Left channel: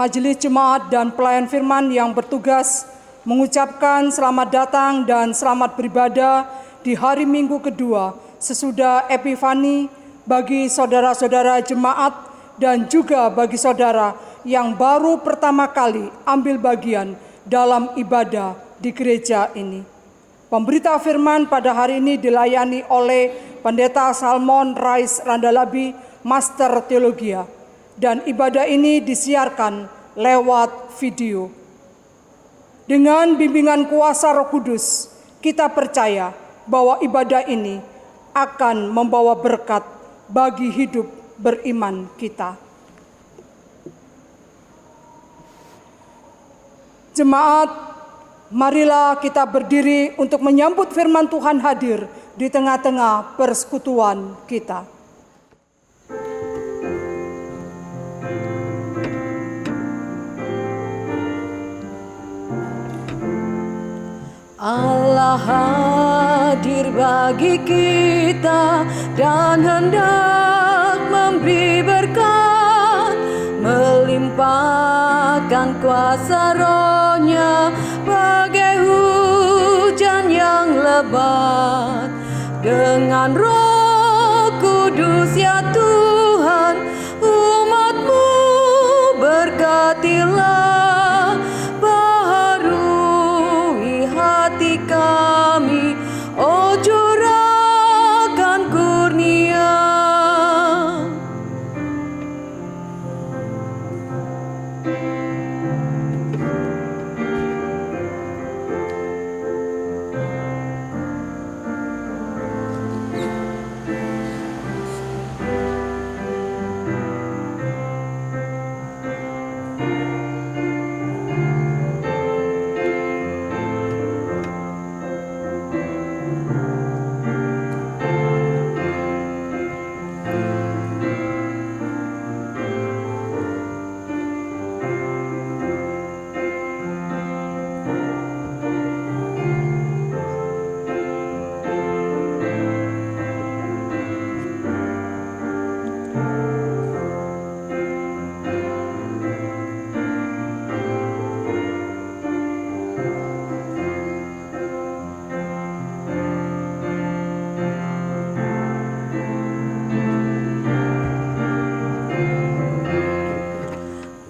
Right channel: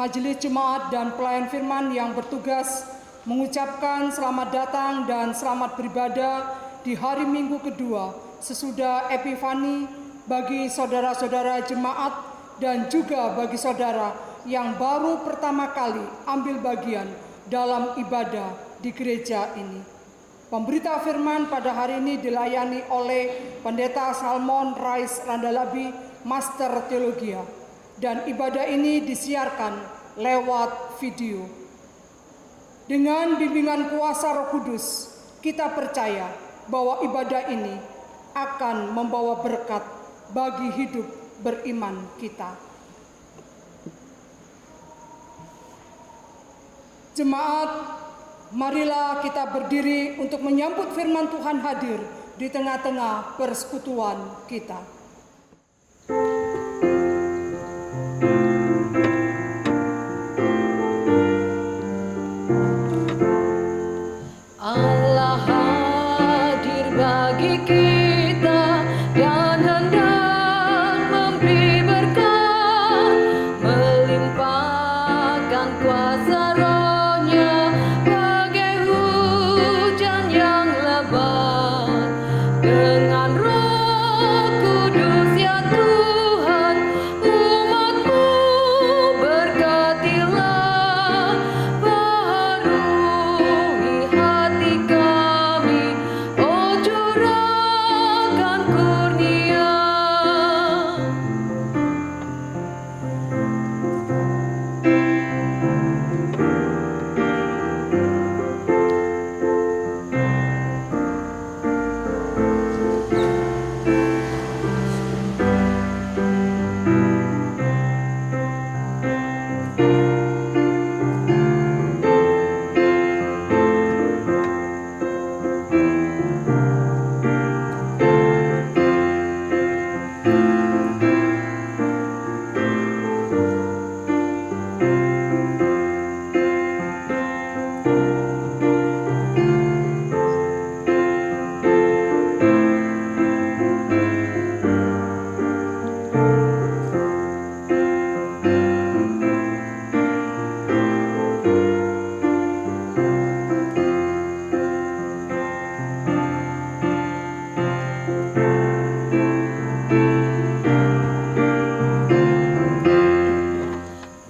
Majelis Jemaat dan Pelayan Firman yang bertugas mengucapkan selamat datang dan selamat beribadah di hari Minggu kedua sesudah Epifani bagi saudara-saudara jemaat dan juga bagi saudara yang baru pertama kali ambil bagian dalam ibadah di gereja ini. Pemberita firman pada hari ini dilayani oleh Pendeta Salmon Rais Randalabi, Master Teologia. Dan ibadah ini disiarkan lewat video. Dengan bimbingan kuasa Roh Kudus, kita percaya bahwa ibadah ini akan membawa berkat bagi hidup beriman kita. Jemaat, marilah kita berdiri untuk menyambut firman Tuhan hadir di tengah-tengah persekutuan kita. Allah hadir bagi kita dan hendak memberi berkat, melimpahkan kuasa Roh-Nya bagai hujan yang lebat. Dengan Roh Kudus ya Tuhan, umat-Mu berkatilah.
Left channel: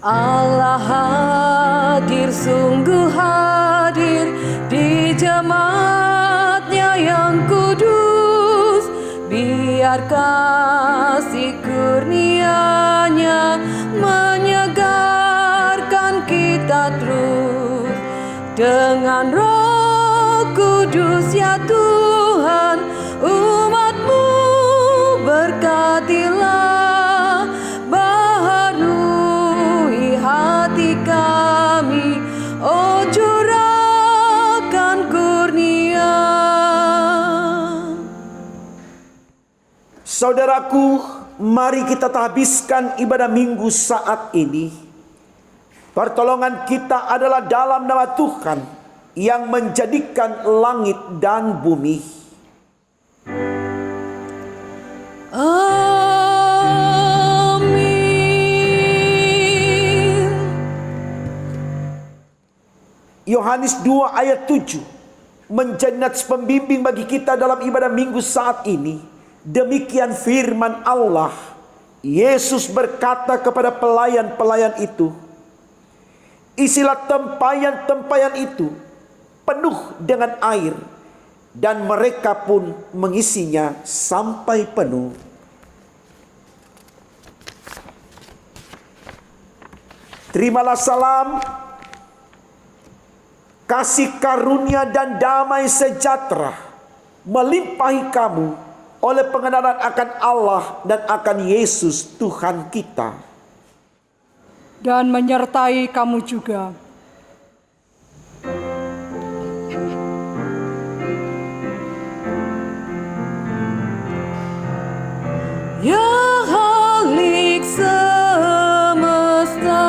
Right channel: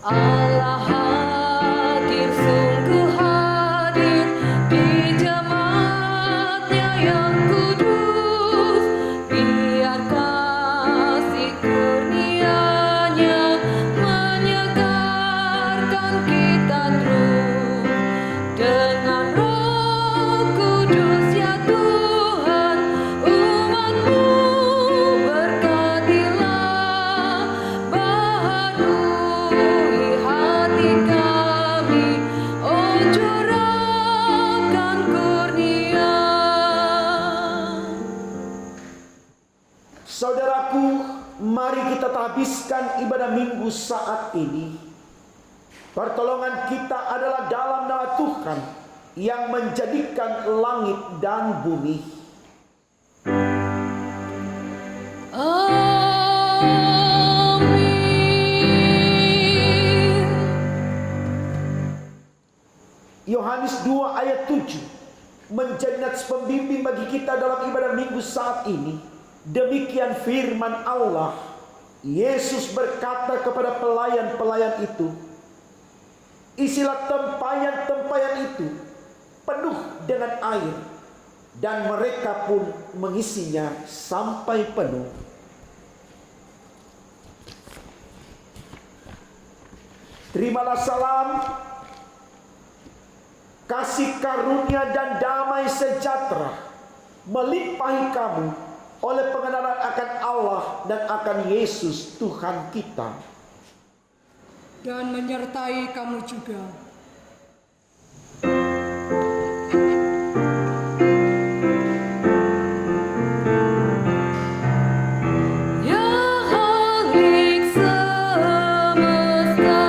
Allah hadir, sungguh hadir di jemaat-Nya yang kudus. Biar kasih kurnia-Nya menyegarkan kita terus. Dengan Roh Kudus ya Tuhan, umat-Mu berkatilah. Saudaraku, mari kita habiskan ibadah minggu saat ini. Pertolongan kita adalah dalam nama Tuhan yang menjadikan langit dan bumi. Amin. Yohanes 2 ayat 7 menjadi nats pembimbing bagi kita dalam ibadah minggu saat ini. Demikian firman Allah. Yesus berkata kepada pelayan-pelayan itu, isilah tempayan-tempayan itu penuh dengan air, dan mereka pun mengisinya sampai penuh. Terimalah salam, kasih karunia dan damai sejahtera melimpahi kamu oleh pengenalan akan Allah dan akan Yesus Tuhan kita. Dan menyertai kamu juga. Ya Khalik semesta,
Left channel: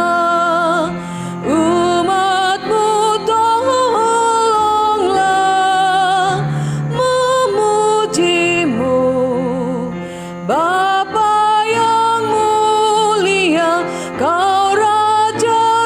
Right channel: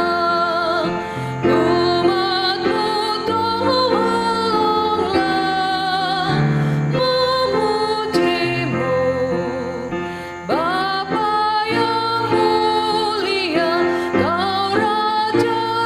umat-Mu tolonglah memuji-Mu. Bapa yang mulia, Kau Raja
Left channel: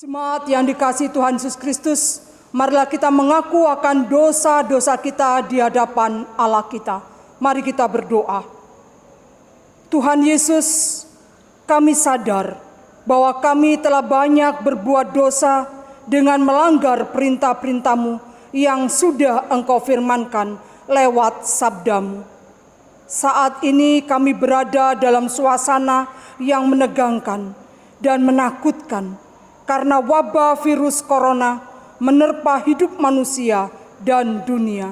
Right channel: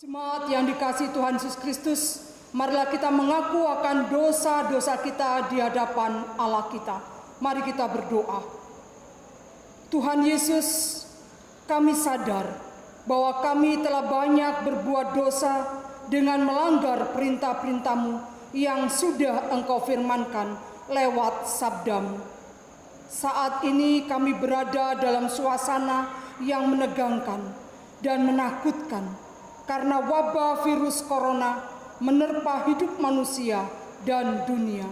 Jemaat yang dikasihi Tuhan Yesus Kristus, marilah kita mengaku akan dosa-dosa kita di hadapan Allah kita. Mari kita berdoa. Tuhan Yesus, kami sadar bahwa kami telah banyak berbuat dosa dengan melanggar perintah-perintah-Mu yang sudah Engkau firmankan lewat sabda-Mu. Saat ini kami berada dalam suasana yang menegangkan dan menakutkan karena wabah virus corona menerpa hidup manusia dan dunia.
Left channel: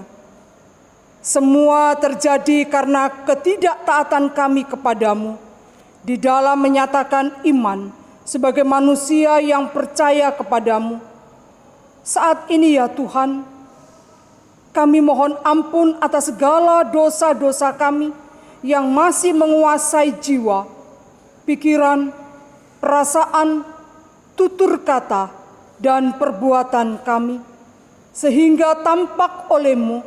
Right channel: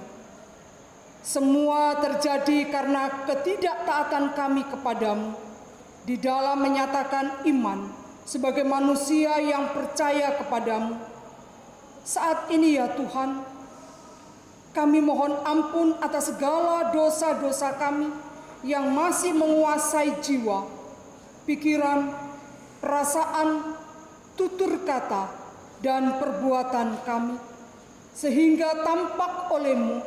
Semua terjadi karena ketidaktaatan kami kepadamu di dalam menyatakan iman sebagai manusia yang percaya kepadamu. Saat ini ya Tuhan, kami mohon ampun atas segala dosa-dosa kami yang masih menguasai jiwa, pikiran, perasaan, tutur kata, dan perbuatan kami, sehingga tampak oleh-Mu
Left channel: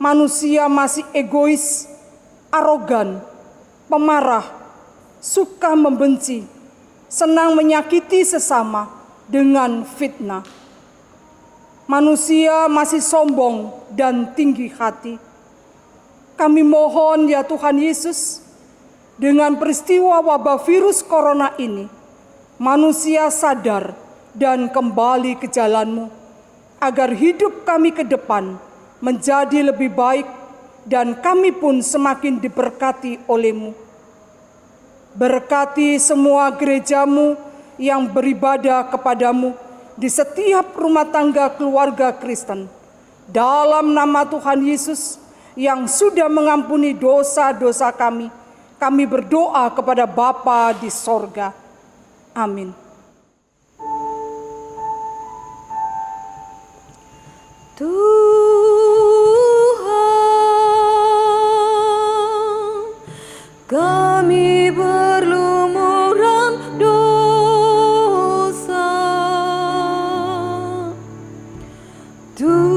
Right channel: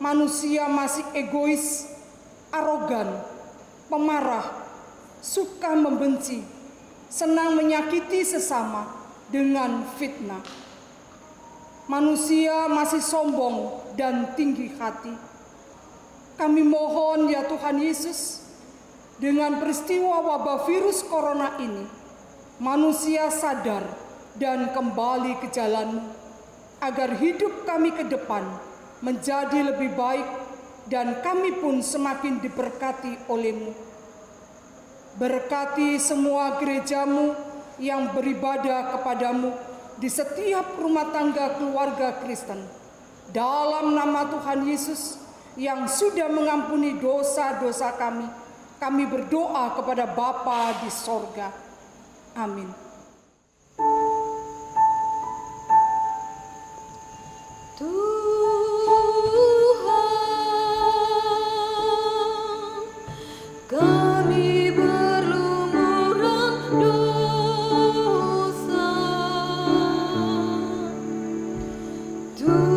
manusia masih egois, arogan, pemarah, suka membenci, senang menyakiti sesama dengan fitnah. Manusia masih sombong dan tinggi hati. Kami mohon ya Tuhan Yesus, dengan peristiwa wabah virus corona ini, manusia sadar dan kembali ke jalan-Mu, agar hidup kami ke depan menjadi lebih baik dan kami pun semakin diberkati oleh-Mu. Berkati semua gereja-Mu yang beribadah kepadamu di setiap rumah tangga keluarga Kristen. Dalam nama Tuhan Yesus yang sudah mengampuni dosa-dosa kami, kami berdoa kepada Bapa di sorga. Amin. Tuhan, kami berlumuran dosa. Tuhan,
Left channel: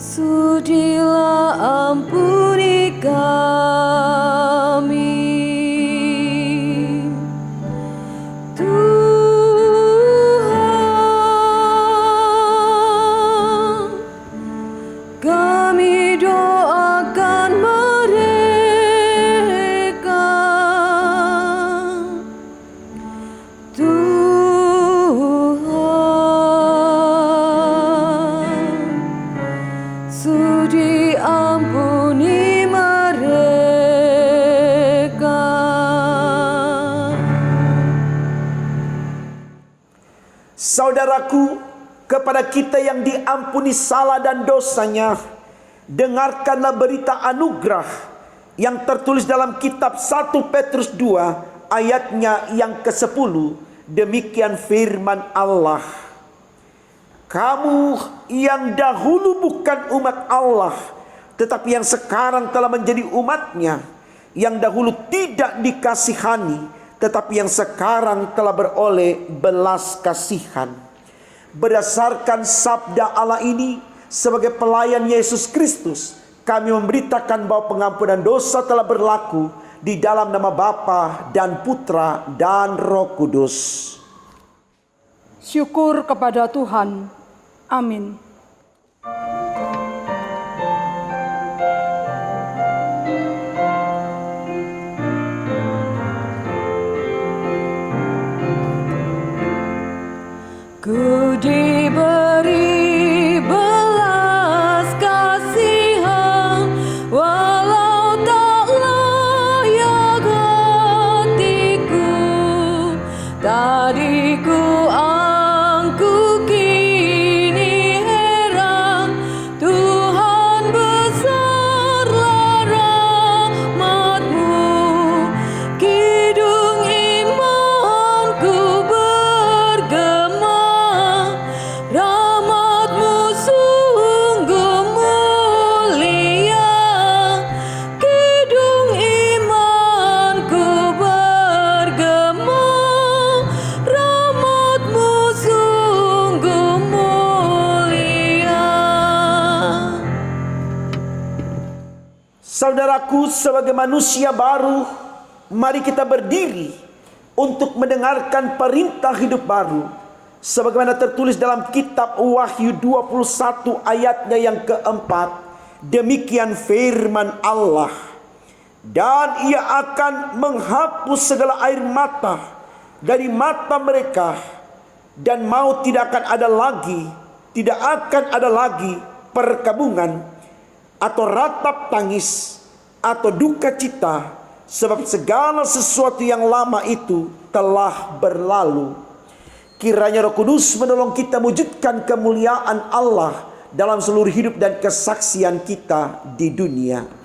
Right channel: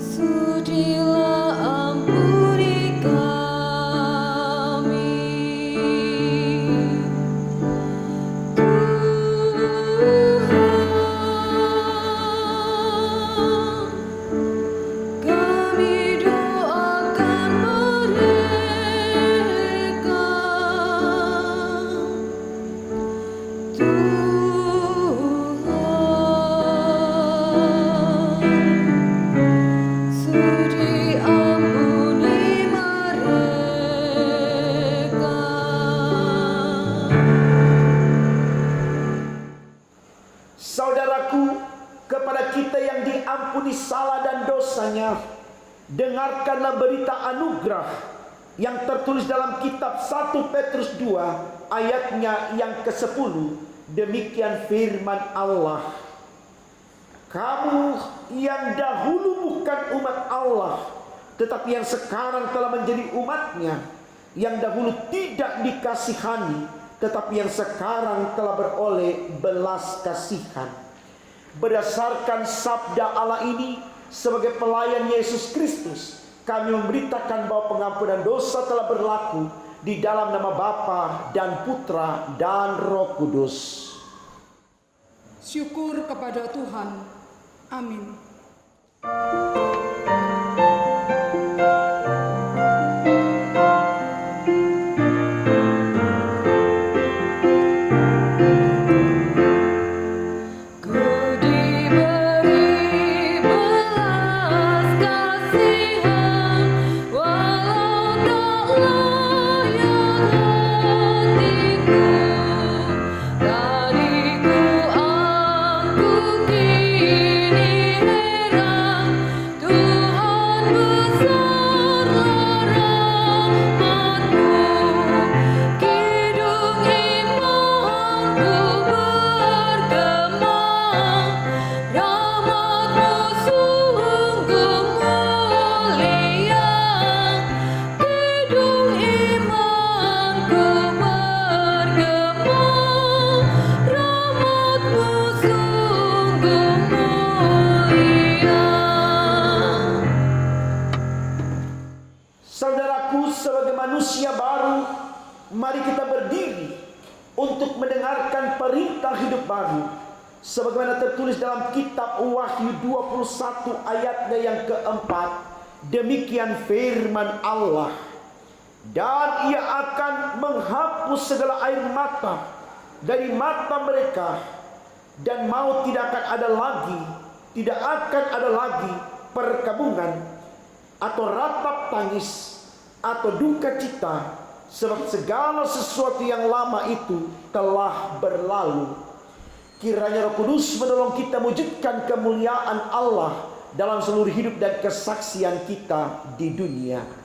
sudilah ampuni kami. Tuhan, kami doakan mereka. Tuhan, sudi ampuni mereka. Saudaraku, kepada kita yang diampuni salah dan dosanya, dengarkanlah berita anugerah yang tertulis dalam kitab 1 Petrus 2 ayatnya yang ke-10. Demikian firman Allah. Kamu yang dahulu bukan umat Allah, tetapi yang sekarang telah menjadi umatnya, yang dahulu tidak dikasihani, tetapi yang sekarang telah beroleh belas kasihan. Berdasarkan sabda Allah ini, sebagai pelayan Yesus Kristus, kami memberitakan bahwa pengampunan dosa telah berlaku di dalam nama Bapa dan Putra dan Roh Kudus. Syukur kepada Tuhan. Amin. Ku diberi belas kasihan, walau tak layak hatiku. Tadi ku angkuh, kini heran. Tuhan besarlah rahmat-Mu. Kidung imanku bergema, rahmat-Mu sungguh mulia. Kidung imanku bergema, rahmat-Mu sungguh mulia. Saudaraku, sebagai manusia baru, mari kita berdiri untuk mendengarkan perintah hidup baru sebagaimana tertulis dalam kitab Wahyu 21 ayatnya yang keempat. Demikian firman Allah, dan ia akan menghapus segala air mata dari mata mereka, dan maut tidak akan ada lagi perkabungan atau ratap tangis atau duka cita, sebab segala sesuatu yang lama itu telah berlalu. Kiranya Roh Kudus menolong kita mewujudkan kemuliaan Allah dalam seluruh hidup dan kesaksian kita di dunia.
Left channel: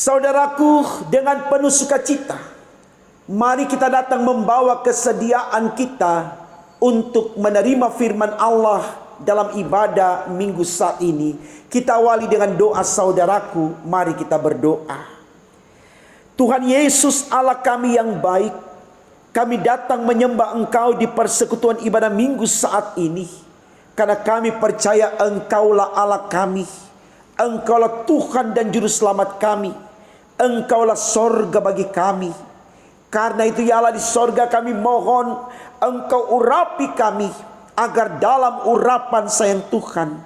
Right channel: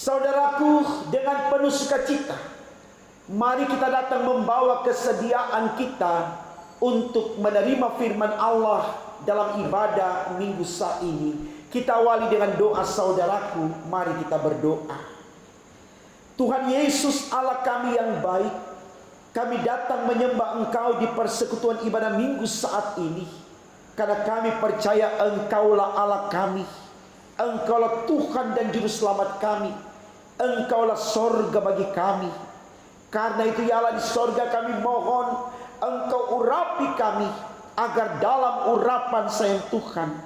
Saudaraku, dengan penuh sukacita, mari kita datang membawa kesediaan kita untuk menerima firman Allah dalam ibadah minggu saat ini. Kita awali dengan doa saudaraku, mari kita berdoa. Tuhan Yesus Allah kami yang baik, kami datang menyembah Engkau di persekutuan ibadah minggu saat ini. Karena kami percaya Engkaulah Allah kami, Engkaulah Tuhan dan Juru Selamat kami, Engkaulah sorga bagi kami. Karena itu ya Allah di sorga kami mohon Engkau urapi kami, agar dalam urapan sayang Tuhan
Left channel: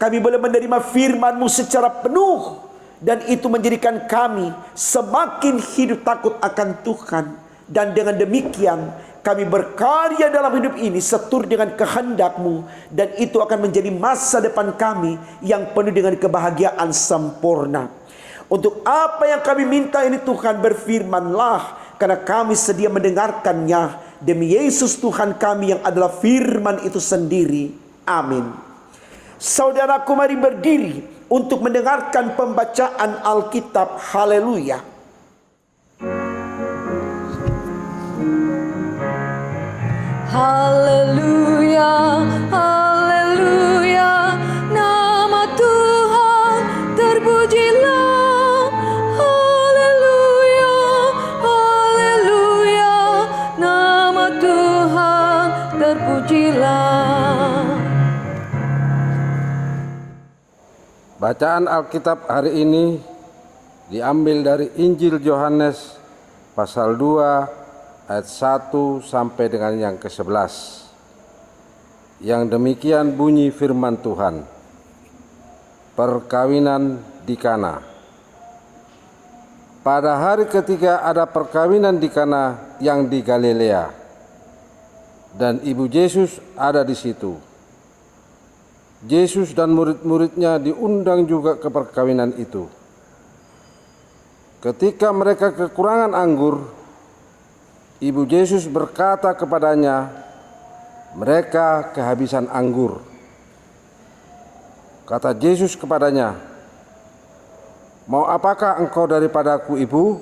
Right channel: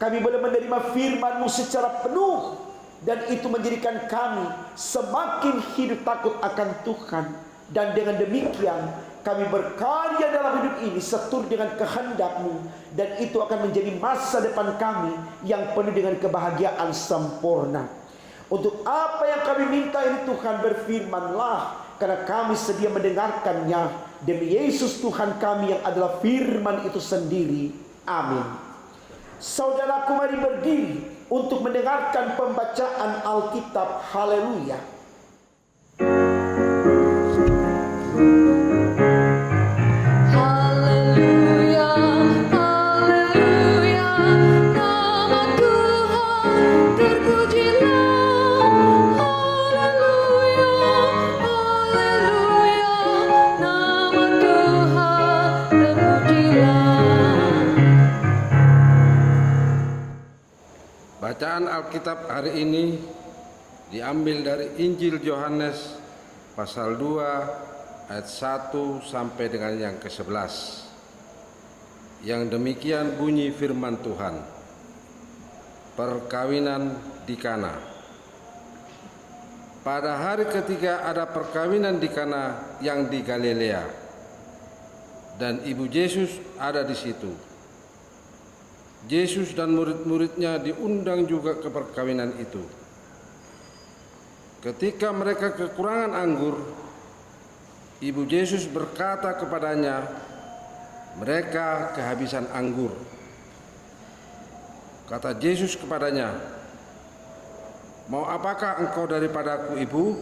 kami boleh menerima firman-Mu secara penuh, dan itu menjadikan kami semakin hidup takut akan Tuhan. Dan dengan demikian kami berkarya dalam hidup ini seturut dengan kehendak-Mu, dan itu akan menjadi masa depan kami yang penuh dengan kebahagiaan sempurna. Untuk apa yang kami minta ini Tuhan, berfirman-Lah, karena kami sedia mendengarkannya. Demi Yesus Tuhan kami yang adalah firman itu sendiri. Amin. Saudaraku, mari berdiri untuk mendengarkan pembacaan Alkitab. Haleluya. Haleluya, haleluya, nama Tuhan terpujilah. Haleluya, haleluya, nama Tuhan terpujilah. Bacaan Alkitab hari ini diambil dari Injil Yohanes pasal 2 ayat 1 sampai dengan yang ke-11. Yang demikian bunyi firman Tuhan. Perkawinan di Kana. Pada hari ketiga ada perkawinan di Kana yang di Galilea, dan ibu Yesus ada di situ. Yesus dan murid-muridnya diundang juga ke perkawinan itu. Ketika mereka kekurangan anggur, ibu Yesus berkata kepadanya, mereka kehabisan anggur. Kata Yesus kepadanya, mau apakah engkau daripadaku, ibu?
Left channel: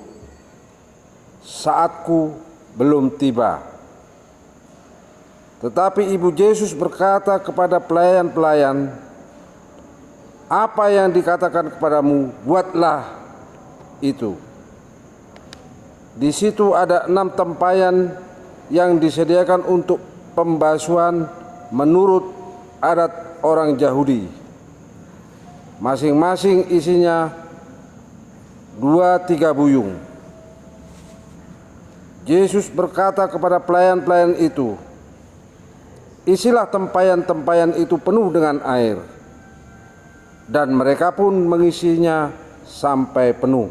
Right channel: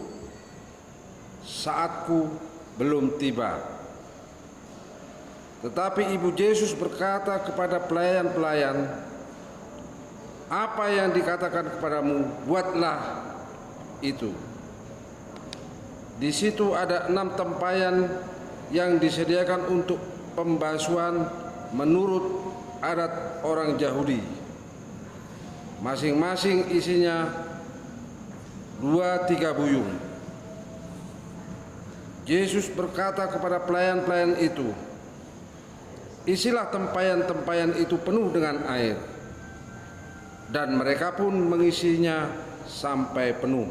Saatku belum tiba. Tetapi ibu Yesus berkata kepada pelayan-pelayan, apa yang dikatakan kepadamu, buatlah itu. Di situ ada 6 tempayan yang disediakan untuk pembasuhan menurut adat orang Yahudi. Masing-masing isinya 2-3 buyung. Yesus berkata kepada pelayan-pelayan itu, isilah tempayan-tempayan itu penuh dengan air. Dan mereka pun mengisinya sampai penuh.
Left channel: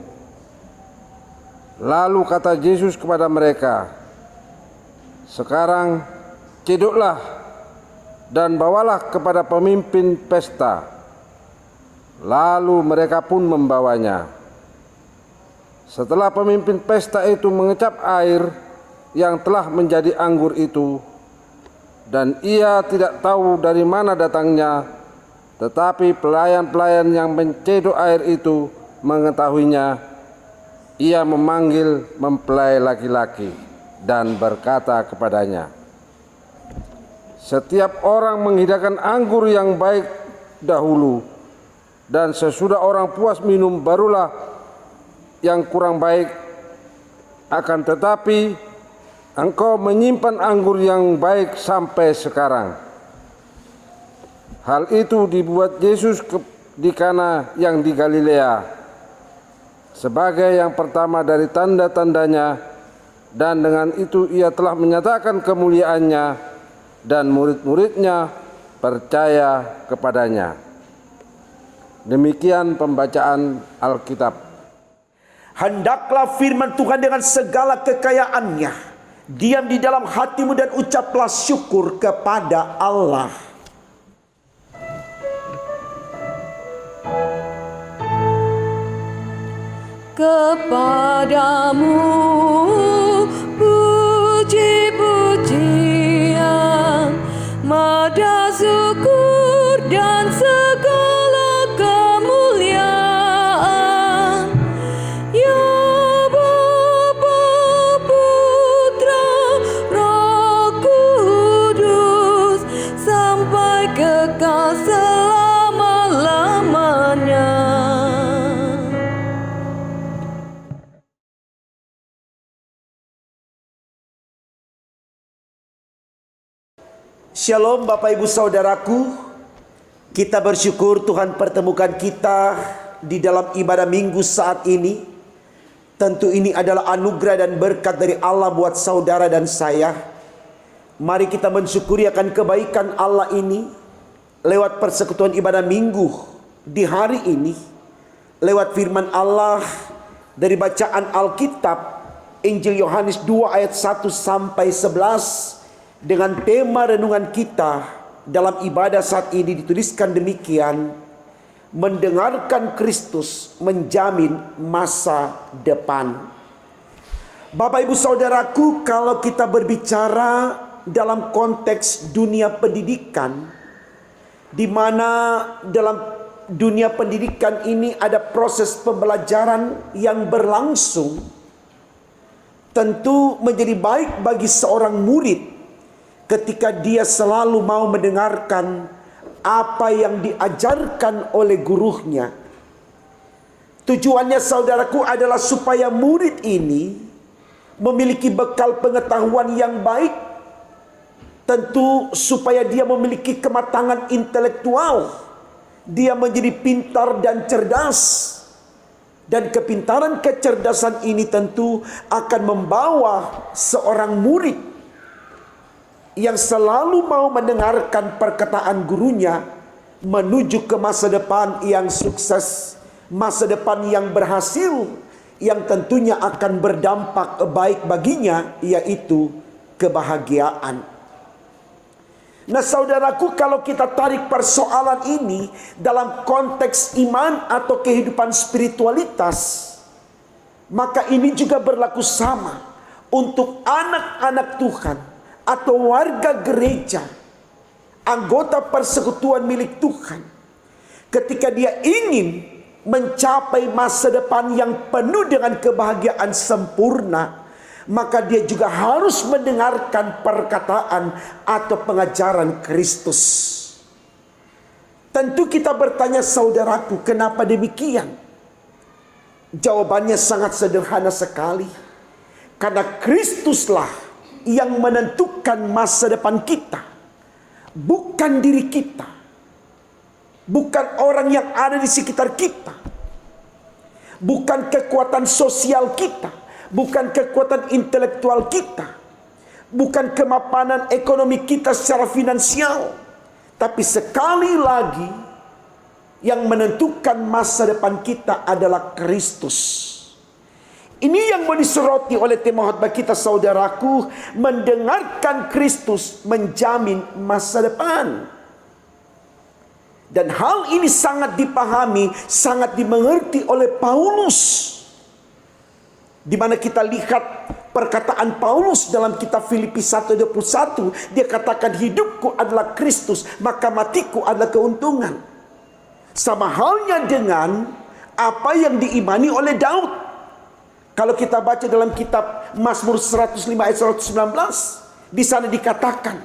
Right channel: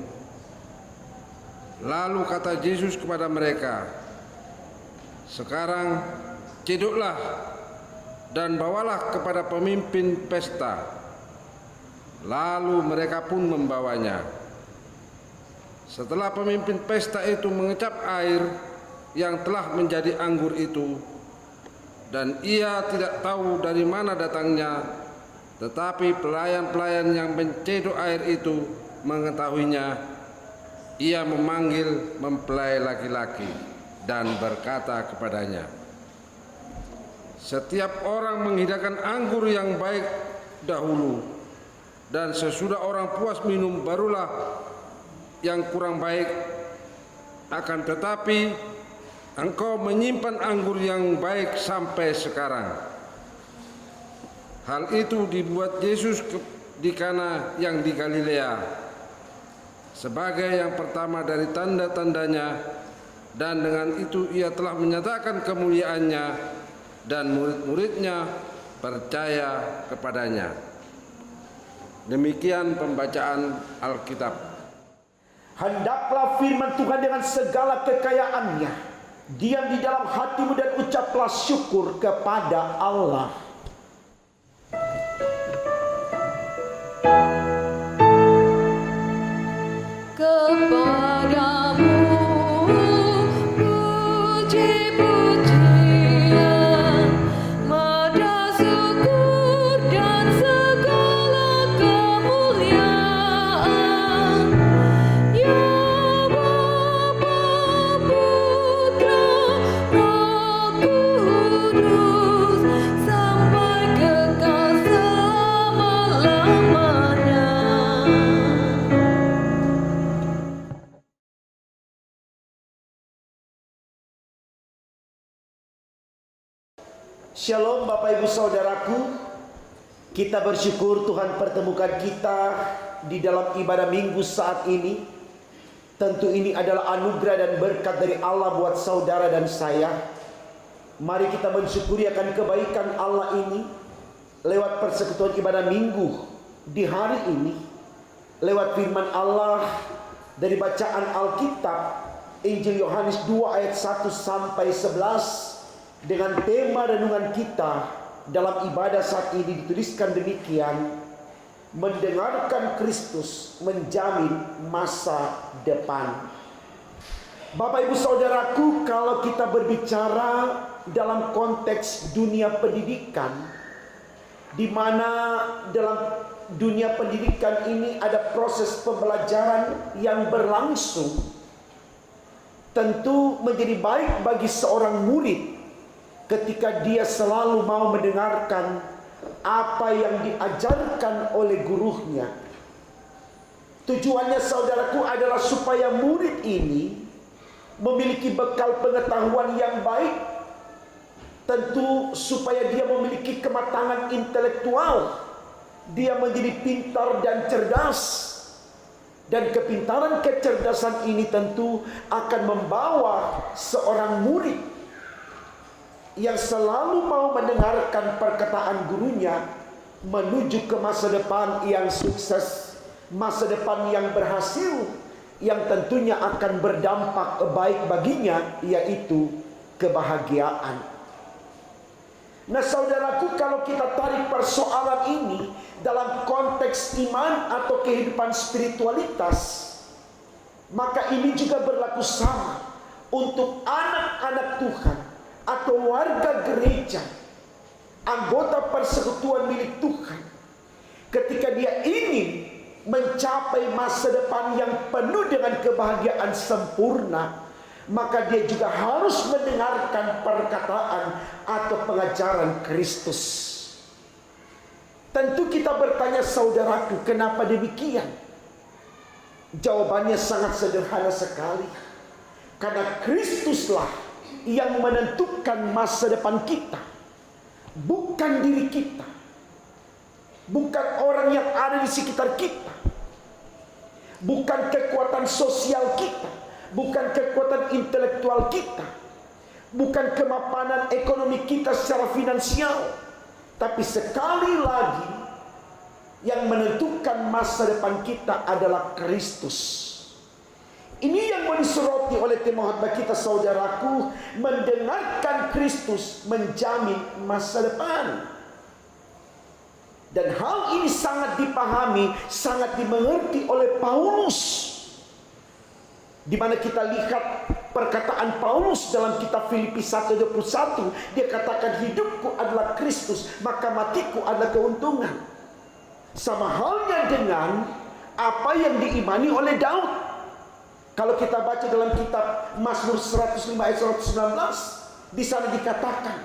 Lalu kata Yesus kepada mereka, sekarang cedoklah dan bawalah kepada pemimpin pesta. Lalu mereka pun membawanya. Setelah pemimpin pesta itu mengecap air yang telah menjadi anggur itu, dan ia tidak tahu dari mana datangnya, tetapi pelayan-pelayan yang mencedok air itu mengetahuinya, ia memanggil mempelai laki-laki dan berkata kepadanya, setiap orang menghidangkan anggur yang baik dahulu, dan sesudah orang puas minum barulah yang kurang baik. Akan tetapi engkau menyimpan anggur yang baik sampai sekarang. Hal itu dibuat Yesus di Kana yang di Galilea sebagai yang pertama dari tanda-tandanya, dan dengan itu ia telah menyatakan kemuliaannya, dan murid-muridnya percaya kepadanya. Demikian pembacaan Alkitab. Hendaklah firman Tuhan dengan segala kekayaannya diam di dalam hatimu, dan ucaplah syukur kepada Allah. Kepadamu puji-pujian, mada syukur dan segala kemuliaan Shalom Bapak Ibu Saudaraku. Kita bersyukur Tuhan pertemukan kita di dalam ibadah minggu saat ini. Tentu ini adalah anugerah dan berkat dari Allah buat saudara dan saya. Mari kita mensyukuri akan kebaikan Allah ini lewat persekutuan ibadah minggu di hari ini. Lewat firman Allah dari bacaan Alkitab Injil Yohanes 2 ayat 1 sampai 11. Dengan tema renungan kita dalam ibadah saat ini dituliskan demikian: mendengarkan Kristus menjamin masa depan. Bapak Ibu Saudaraku, kalau kita berbicara dalam konteks dunia pendidikan, di mana dalam dunia pendidikan ini ada proses pembelajaran yang berlangsung, tentu menjadi baik bagi seorang murid ketika dia selalu mau mendengarkan apa yang diajarkan oleh gurunya. Tujuannya saudaraku adalah supaya murid ini memiliki bekal pengetahuan yang baik. Tentu supaya dia memiliki kematangan intelektual. Dia menjadi pintar dan cerdas. Dan kepintaran kecerdasan ini tentu akan membawa seorang murid yang selalu mau mendengarkan perkataan gurunya menuju ke masa depan yang sukses, masa depan yang berhasil, yang tentunya akan berdampak baik baginya, yaitu kebahagiaan. Nah saudaraku, kalau kita tarik persoalan ini dalam konteks iman atau kehidupan spiritualitas, maka ini juga berlaku sama untuk anak-anak Tuhan atau warga gereja, anggota persekutuan milik Tuhan. Ketika dia ingin mencapai masa depan yang penuh dengan kebahagiaan sempurna, maka dia juga harus mendengarkan perkataan atau pengajaran Kristus. Tentu kita bertanya saudaraku, kenapa demikian? Jawabannya sangat sederhana sekali. Karena Kristuslah yang menentukan masa depan kita, bukan diri kita, bukan orang yang ada di sekitar kita, bukan kekuatan sosial kita, bukan kekuatan intelektual kita, bukan kemapanan ekonomi kita secara finansial, tapi sekali lagi yang menentukan masa depan kita adalah Kristus. Ini yang mau disoroti oleh tema khotbah kita saudaraku, mendengarkan Kristus menjamin masa depan. Dan hal ini sangat dipahami, sangat dimengerti oleh Paulus. Di mana kita lihat perkataan Paulus dalam kitab Filipi 1:21, dia katakan hidupku adalah Kristus, maka matiku adalah keuntungan. Sama halnya dengan apa yang diimani oleh Daud. Kalau kita baca dalam kitab Mazmur 105 ayat 119, di sana dikatakan,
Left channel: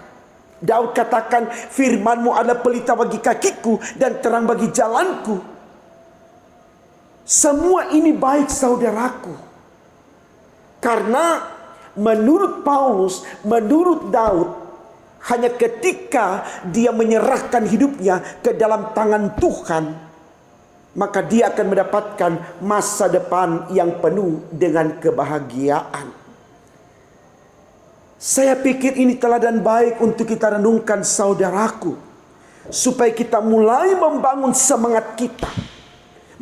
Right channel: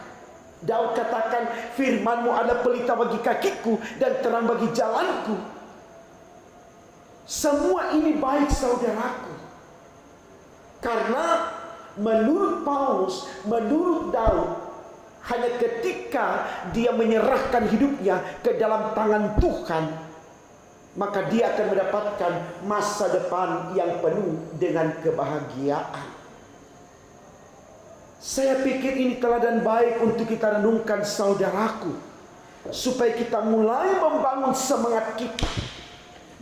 Daud katakan, firman-Mu adalah pelita bagi kakiku dan terang bagi jalanku. Semua ini baik saudaraku. Karena menurut Paulus, menurut Daud, hanya ketika dia menyerahkan hidupnya ke dalam tangan Tuhan, maka dia akan mendapatkan masa depan yang penuh dengan kebahagiaan. Saya pikir ini teladan baik untuk kita renungkan saudaraku, supaya kita mulai membangun semangat kita,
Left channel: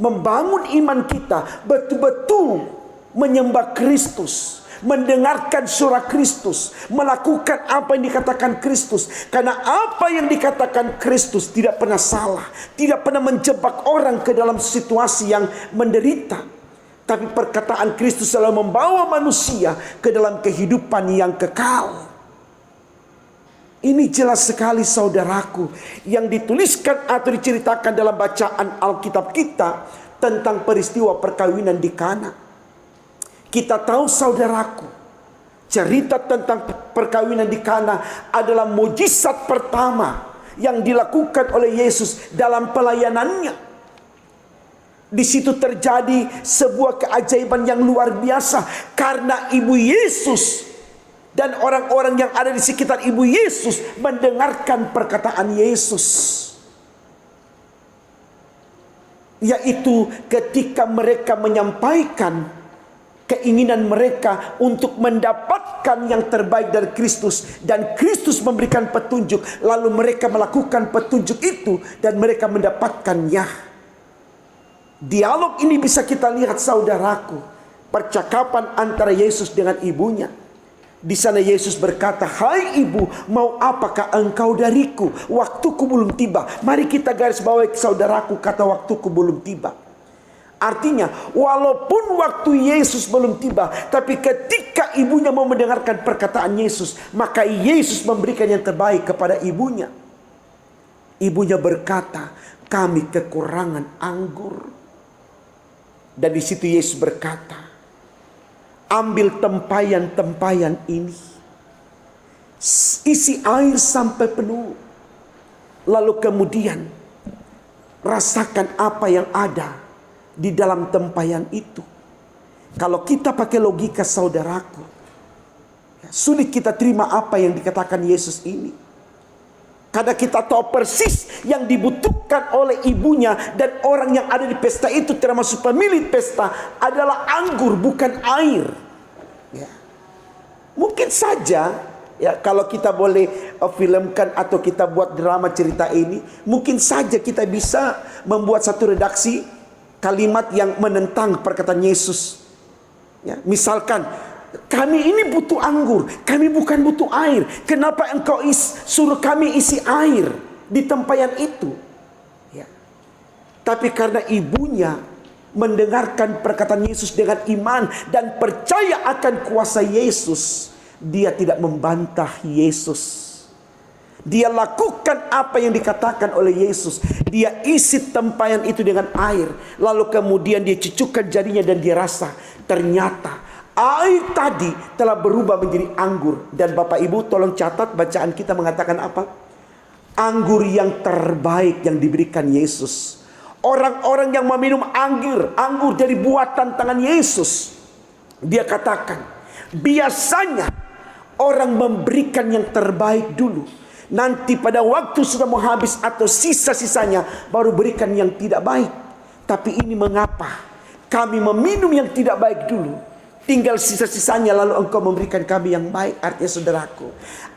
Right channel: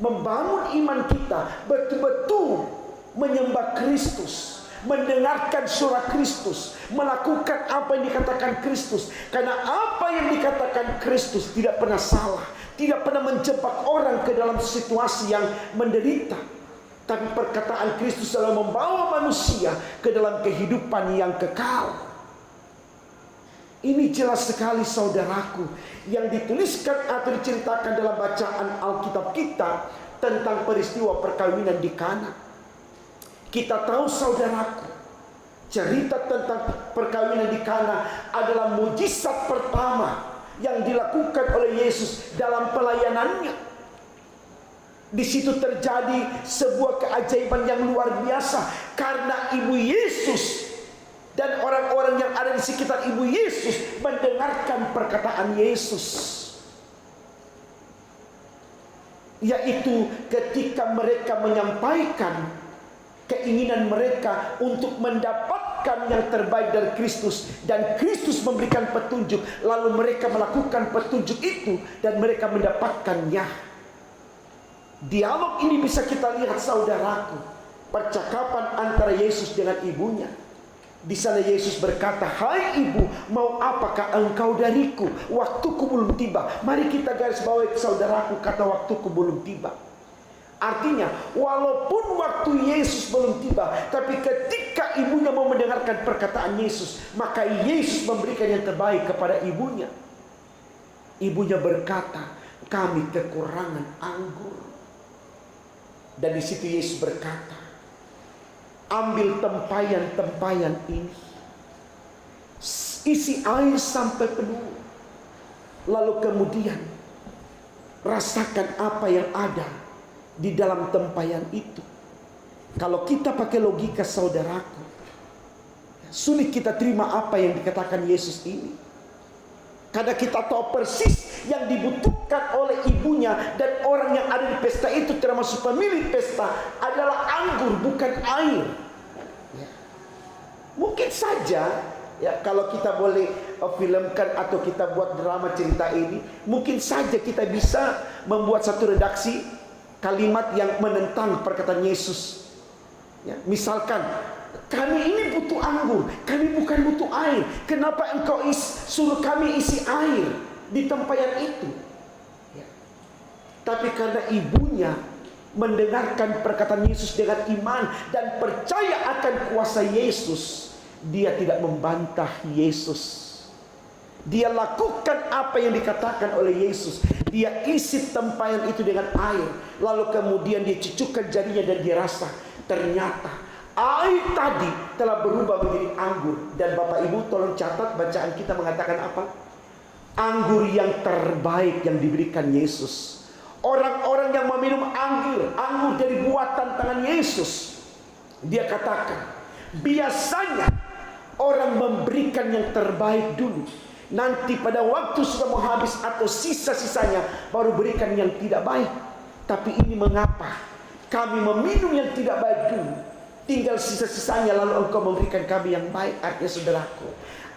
membangun iman kita, betul-betul menyembah Kristus, mendengarkan suara Kristus, melakukan apa yang dikatakan Kristus. Karena apa yang dikatakan Kristus tidak pernah salah, tidak pernah menjebak orang ke dalam situasi yang menderita. Tapi perkataan Kristus selalu membawa manusia ke dalam kehidupan yang kekal. Ini jelas sekali saudaraku, yang dituliskan atau diceritakan dalam bacaan Alkitab kita tentang peristiwa perkawinan di Kana. Kita tahu saudaraku, cerita tentang perkawinan di Kana adalah mujizat pertama yang dilakukan oleh Yesus dalam pelayanannya. Di situ terjadi sebuah keajaiban yang luar biasa, karena ibu Yesus Dan orang-orang yang ada di sekitar ibu Yesus mendengarkan perkataan Yesus. Yaitu ketika mereka menyampaikan keinginan mereka untuk mendapatkan yang terbaik dari Kristus, dan Kristus memberikan petunjuk, lalu mereka melakukan petunjuk itu dan mereka mendapatkannya. Dialog ini bisa kita lihat, saudaraku, percakapan antara Yesus dengan ibunya. Di sana Yesus berkata, "Hai ibu, mau apakah engkau dariku? Waktuku belum tiba." Mari kita garis bawahi, saudaraku, kata waktuku belum tiba. Artinya, walaupun waktu Yesus belum tiba, tapi ketika ibunya mau mendengarkan perkataan Yesus, maka Yesus memberikan yang terbaik kepada ibunya. Ibunya berkata, "Kami kekurangan anggur." Dan di situ Yesus berkata, "Ambil tempayan-tempayan ini, isi air sampai penuh, lalu kemudian rasakan apa yang ada di dalam tempayan itu." Kalau kita pakai logika, saudaraku, sulit kita terima apa yang dikatakan Yesus ini. Karena kita tahu persis yang dibutuhkan oleh ibunya dan orang yang ada di pesta itu, termasuk pemilik pesta, adalah anggur, bukan air. Ya. Mungkin saja, ya, kalau kita boleh filmkan atau kita buat drama cerita ini, mungkin saja kita bisa membuat satu redaksi kalimat yang menentang perkataan Yesus. Ya, misalkan, "Kami ini butuh anggur, kami bukan butuh air. Kenapa engkau suruh kami isi air di tempayan itu?" Ya. Tapi karena ibunya mendengarkan perkataan Yesus dengan iman dan percaya akan kuasa Yesus, dia tidak membantah Yesus. Dia lakukan apa yang dikatakan oleh Yesus. Dia isi tempayan itu dengan air, lalu kemudian dia cucukkan jarinya dan dia rasa, ternyata air tadi telah berubah menjadi anggur. Dan Bapak Ibu tolong catat, bacaan kita mengatakan apa? Anggur yang terbaik yang diberikan Yesus. Orang-orang yang meminum anggur dari buatan tangan Yesus, dia katakan, biasanya orang memberikan yang terbaik dulu. Nanti pada waktu sudah mau habis atau sisa-sisanya, baru berikan yang tidak baik. Tapi ini mengapa? Kami meminum yang tidak baik dulu, tinggal sisa-sisanya, lalu engkau memberikan kami yang baik. Artinya, saudaraku,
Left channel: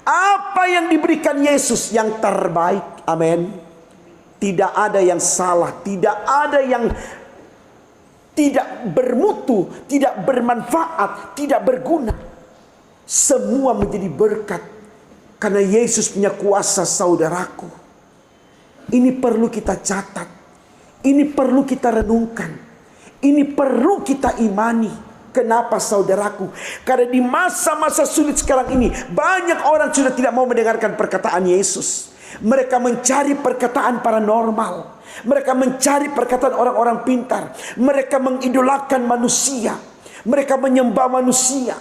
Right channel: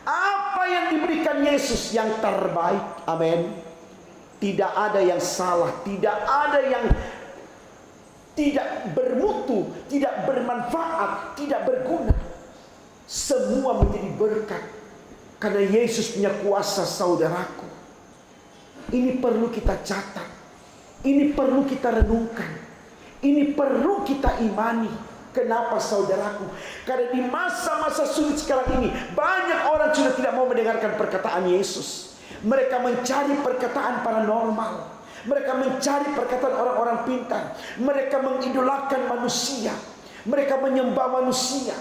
apa yang diberikan Yesus yang terbaik. Amin. Tidak ada yang salah, tidak ada yang tidak bermutu, tidak bermanfaat, tidak berguna. Semua menjadi berkat karena Yesus punya kuasa, saudaraku. Ini perlu kita catat, ini perlu kita renungkan, ini perlu kita imani. Kenapa, saudaraku? Karena di masa-masa sulit sekarang ini, banyak orang sudah tidak mau mendengarkan perkataan Yesus. Mereka mencari perkataan paranormal, mereka mencari perkataan orang-orang pintar, mereka mengidolakan manusia, mereka menyembah manusia.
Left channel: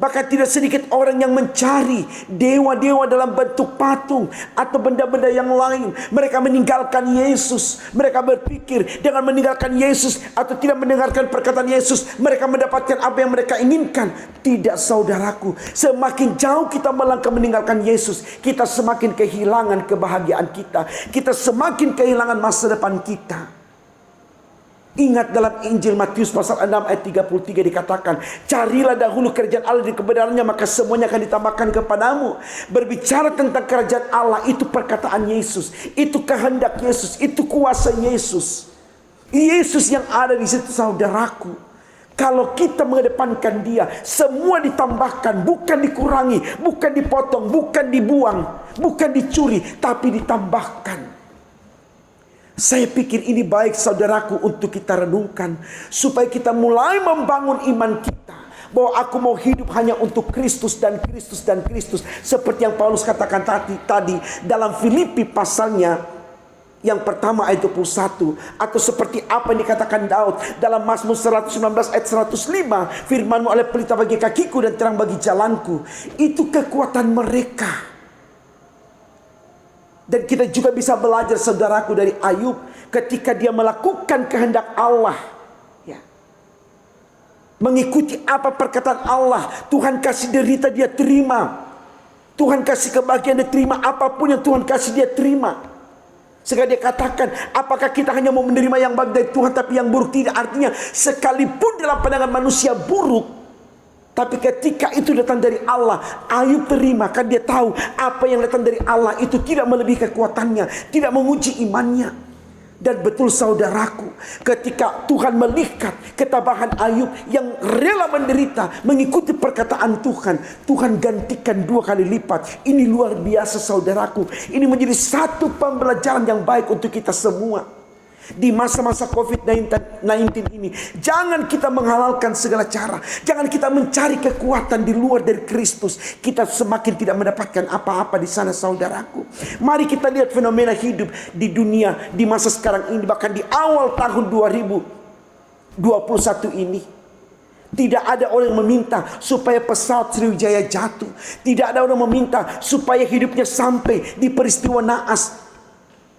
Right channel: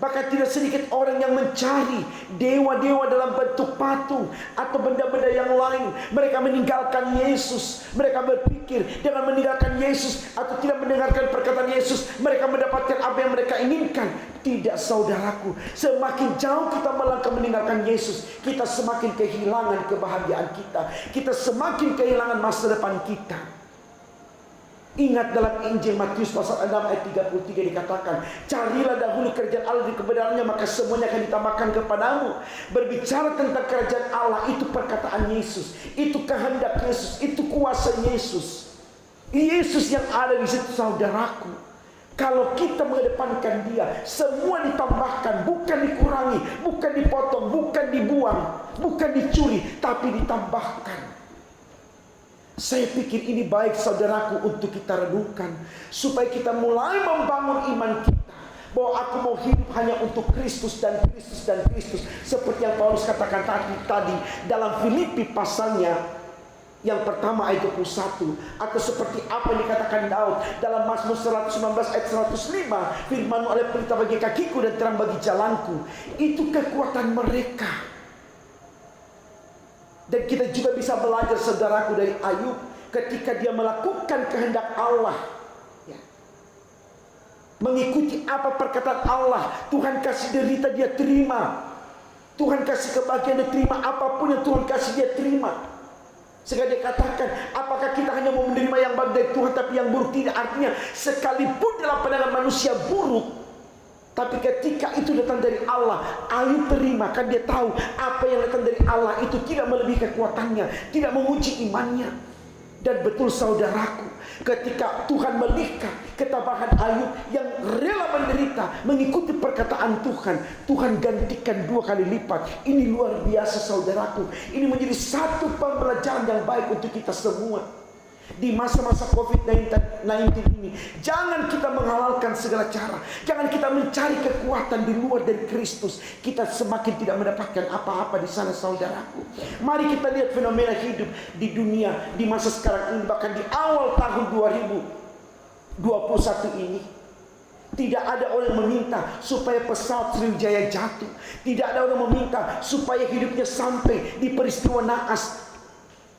Bahkan tidak sedikit orang yang mencari dewa-dewa dalam bentuk patung atau benda-benda yang lain. Mereka meninggalkan Yesus. Mereka berpikir dengan meninggalkan Yesus atau tidak mendengarkan perkataan Yesus, mereka mendapatkan apa yang mereka inginkan. Tidak, saudaraku. Semakin jauh kita melangkah meninggalkan Yesus, kita semakin kehilangan kebahagiaan kita. Kita semakin kehilangan masa depan kita. Ingat dalam Injil Matius pasal 6 ayat 33 dikatakan, "Carilah dahulu kerajaan Allah dan kebenarannya, maka semuanya akan ditambahkan kepadamu." Berbicara tentang kerajaan Allah, itu perkataan Yesus, itu kehendak Yesus, itu kuasa Yesus. Yesus yang ada di situ, saudaraku. Kalau kita mengedepankan Dia, semua ditambahkan, bukan dikurangi, bukan dipotong, bukan dibuang, bukan dicuri, tapi ditambahkan. Saya pikir ini baik, saudaraku, untuk kita renungkan, supaya kita mulai membangun iman kita, bahwa aku mau hidup hanya untuk Kristus dan Kristus dan Kristus. Seperti yang Paulus katakan tadi dalam Filipi pasalnya yang pertama ayat 21. Atau seperti apa yang dikatakan Daud dalam Mazmur 119 ayat 105, "Firman-Mu adalah pelita bagi kakiku dan terang bagi jalanku." Itu kekuatan mereka. Dan kita juga bisa belajar, saudaraku, dari Ayub ketika dia melakukan kehendak Allah. Ya. mengikuti apa perkataan Allah. Tuhan kasih derita dia terima, Tuhan kasih kebahagiaan dia terima, apapun yang Tuhan kasih dia terima. Sekarang dia katakan, apakah kita hanya mau menerima yang baik dari Tuhan tapi yang buruk tidak? Artinya sekalipun dalam pandangan manusia buruk, tapi ketika itu datang dari Allah, Ayub terima. Kan dia tahu apa yang datang dari Allah itu tidak melebihi kekuatannya, tidak menguji imannya. Dan betul saudaraku, ketika Tuhan melihat ketabahan Ayub yang rela menderita mengikuti perkataan Tuhan, Tuhan gantikan 2 kali lipat. Ini luar biasa saudaraku. Ini menjadi satu pembelajaran yang baik untuk kita semua. Di masa-masa COVID-19 ini, jangan kita menghalalkan segala cara. Jangan kita mencari kekuatan di luar dari Kristus. Kita semakin tidak mendapatkan apa-apa di sana saudaraku. Mari kita lihat fenomena hidup di dunia di masa sekarang ini, bahkan di awal tahun 2021 ini. Tidak ada orang yang meminta supaya pesawat Sriwijaya jatuh. Tidak ada orang meminta supaya hidupnya sampai di peristiwa naas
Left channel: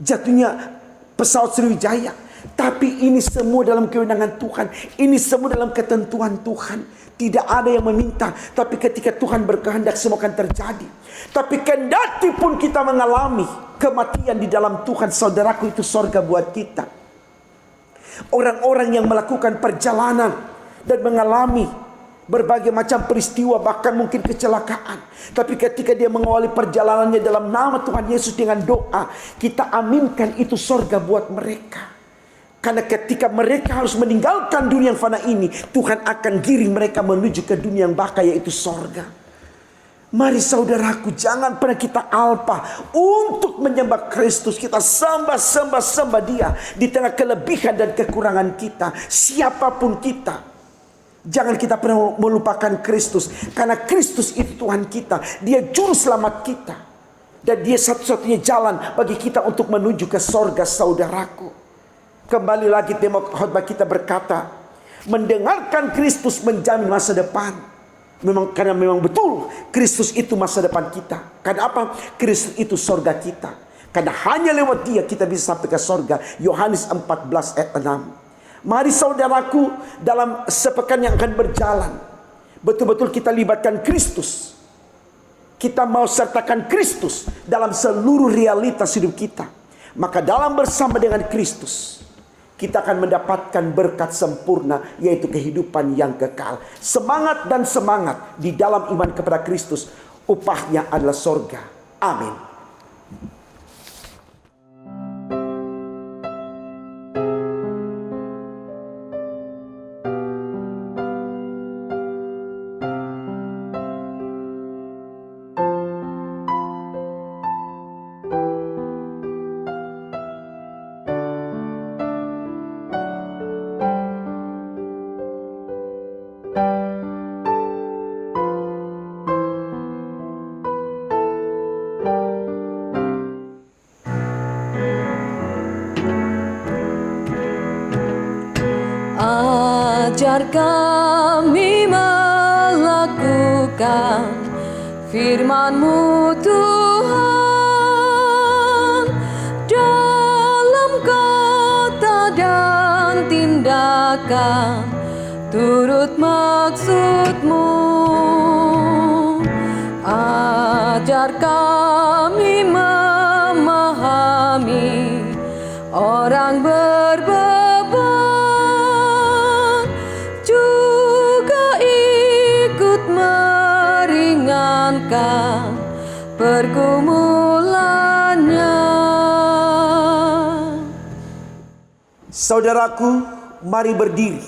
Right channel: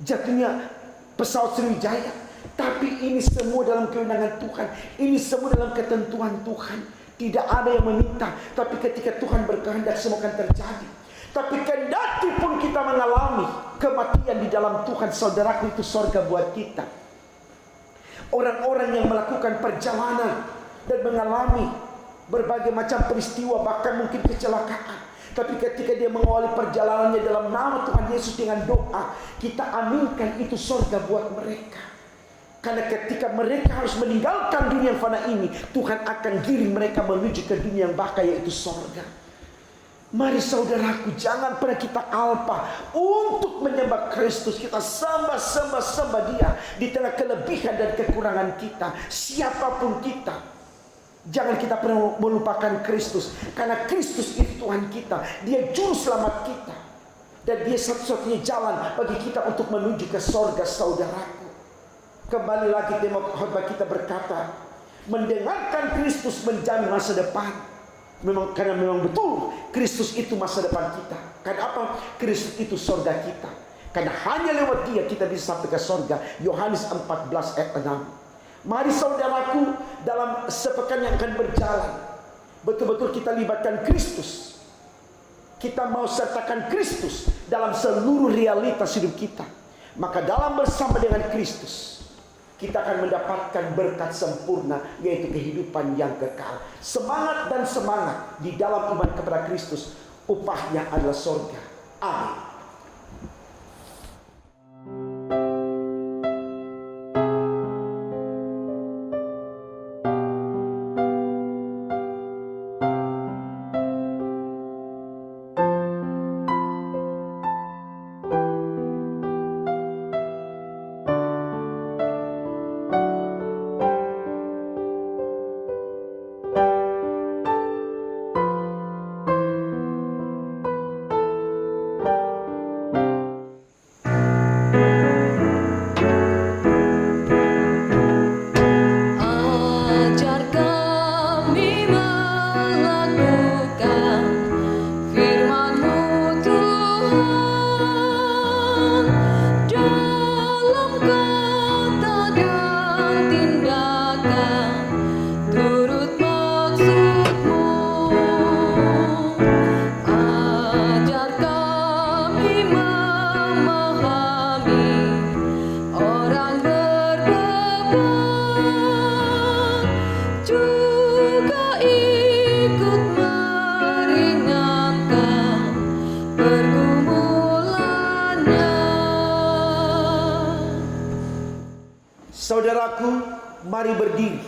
jatuhnya pesawat Sriwijaya. Tapi ini semua dalam kewenangan Tuhan. Ini semua dalam ketentuan Tuhan. Tidak ada yang meminta, tapi ketika Tuhan berkehendak semua akan terjadi. Tapi kendati pun kita mengalami kematian di dalam Tuhan, saudaraku, itu sorga buat kita. Orang-orang yang melakukan perjalanan dan mengalami berbagai macam peristiwa, bahkan mungkin kecelakaan, tapi ketika dia mengawali perjalanannya dalam nama Tuhan Yesus dengan doa, kita aminkan itu sorga buat mereka. Karena ketika mereka harus meninggalkan dunia yang fana ini, Tuhan akan giring mereka menuju ke dunia yang baka, yaitu sorga. Mari saudaraku, jangan pernah kita alpa untuk menyembah Kristus. Kita sembah dia di tengah kelebihan dan kekurangan kita, siapapun kita. Jangan kita pernah melupakan Kristus, karena Kristus itu Tuhan kita. Dia juru selamat kita, dan dia satu-satunya jalan bagi kita untuk menuju ke sorga saudaraku. Kembali lagi tema khotbah kita berkata, mendengarkan Kristus menjamin masa depan. Karena memang betul Kristus itu masa depan kita. Karena apa? Kristus itu sorga kita. Karena hanya lewat dia kita bisa sampai ke sorga. Yohanes 14 ayat 6. Mari saudaraku, dalam sepekan yang akan berjalan, betul-betul kita libatkan Kristus. Kita mau sertakan Kristus dalam seluruh realitas hidup kita. Maka dalam bersama dengan Kristus, kita akan mendapatkan berkat sempurna, yaitu kehidupan yang kekal. Semangat dan semangat di dalam iman kepada Kristus, upahnya adalah sorga. Amin. Ajar kami melakukan firman-Mu Tuhan, dalam kata dan tindakan turut maksud-Mu. Ajar kami memahami orang berbeban, juga ikut meringankan pergumulannya. Saudaraku, mari berdiri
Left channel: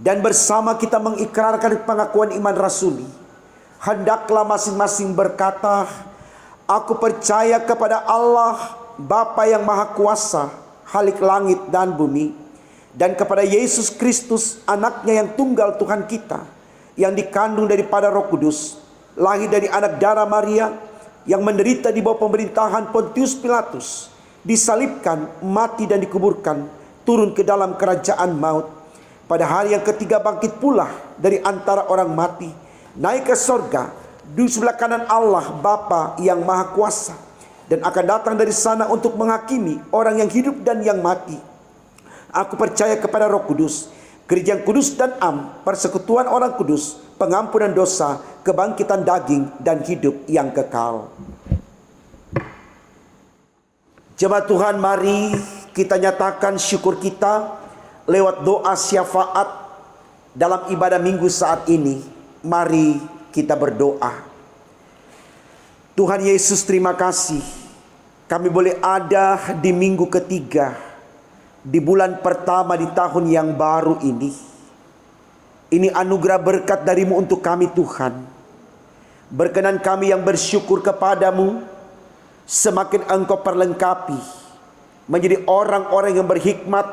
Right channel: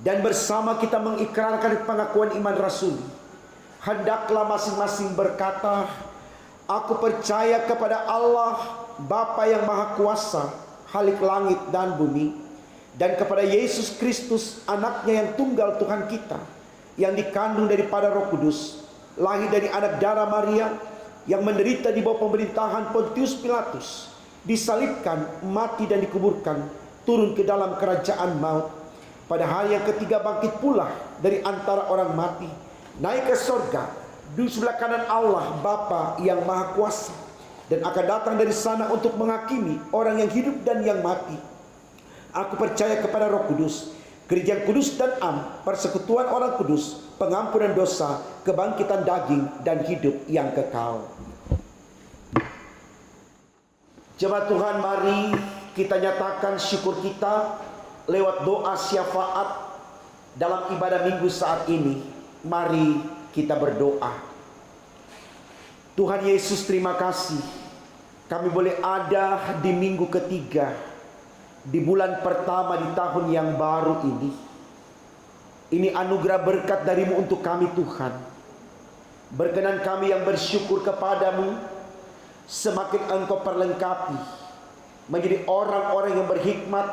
dan bersama kita mengikrarkan pengakuan iman rasuli. Hendaklah masing-masing berkata, aku percaya kepada Allah, Bapa yang Maha Kuasa, Khalik langit dan bumi, dan kepada Yesus Kristus, anaknya yang tunggal Tuhan kita, yang dikandung daripada Roh Kudus, lahir dari anak darah Maria, yang menderita di bawah pemerintahan Pontius Pilatus, disalibkan, mati dan dikuburkan, turun ke dalam kerajaan maut, pada hari yang ketiga bangkit pula dari antara orang mati, naik ke sorga, di sebelah kanan Allah Bapa yang Maha Kuasa, dan akan datang dari sana untuk menghakimi orang yang hidup dan yang mati. Aku percaya kepada Roh Kudus, gereja yang kudus dan am, persekutuan orang kudus, pengampunan dosa, kebangkitan daging, dan hidup yang kekal. Jemaat Tuhan, mari kita nyatakan syukur kita lewat doa syafaat dalam ibadah minggu saat ini. Mari kita berdoa. Tuhan Yesus, terima kasih kami boleh ada di minggu ketiga, di bulan pertama di tahun yang baru ini. Ini anugerah berkat dari-Mu untuk kami Tuhan. Berkenan kami yang bersyukur kepadamu, semakin Engkau perlengkapi menjadi orang-orang yang berhikmat,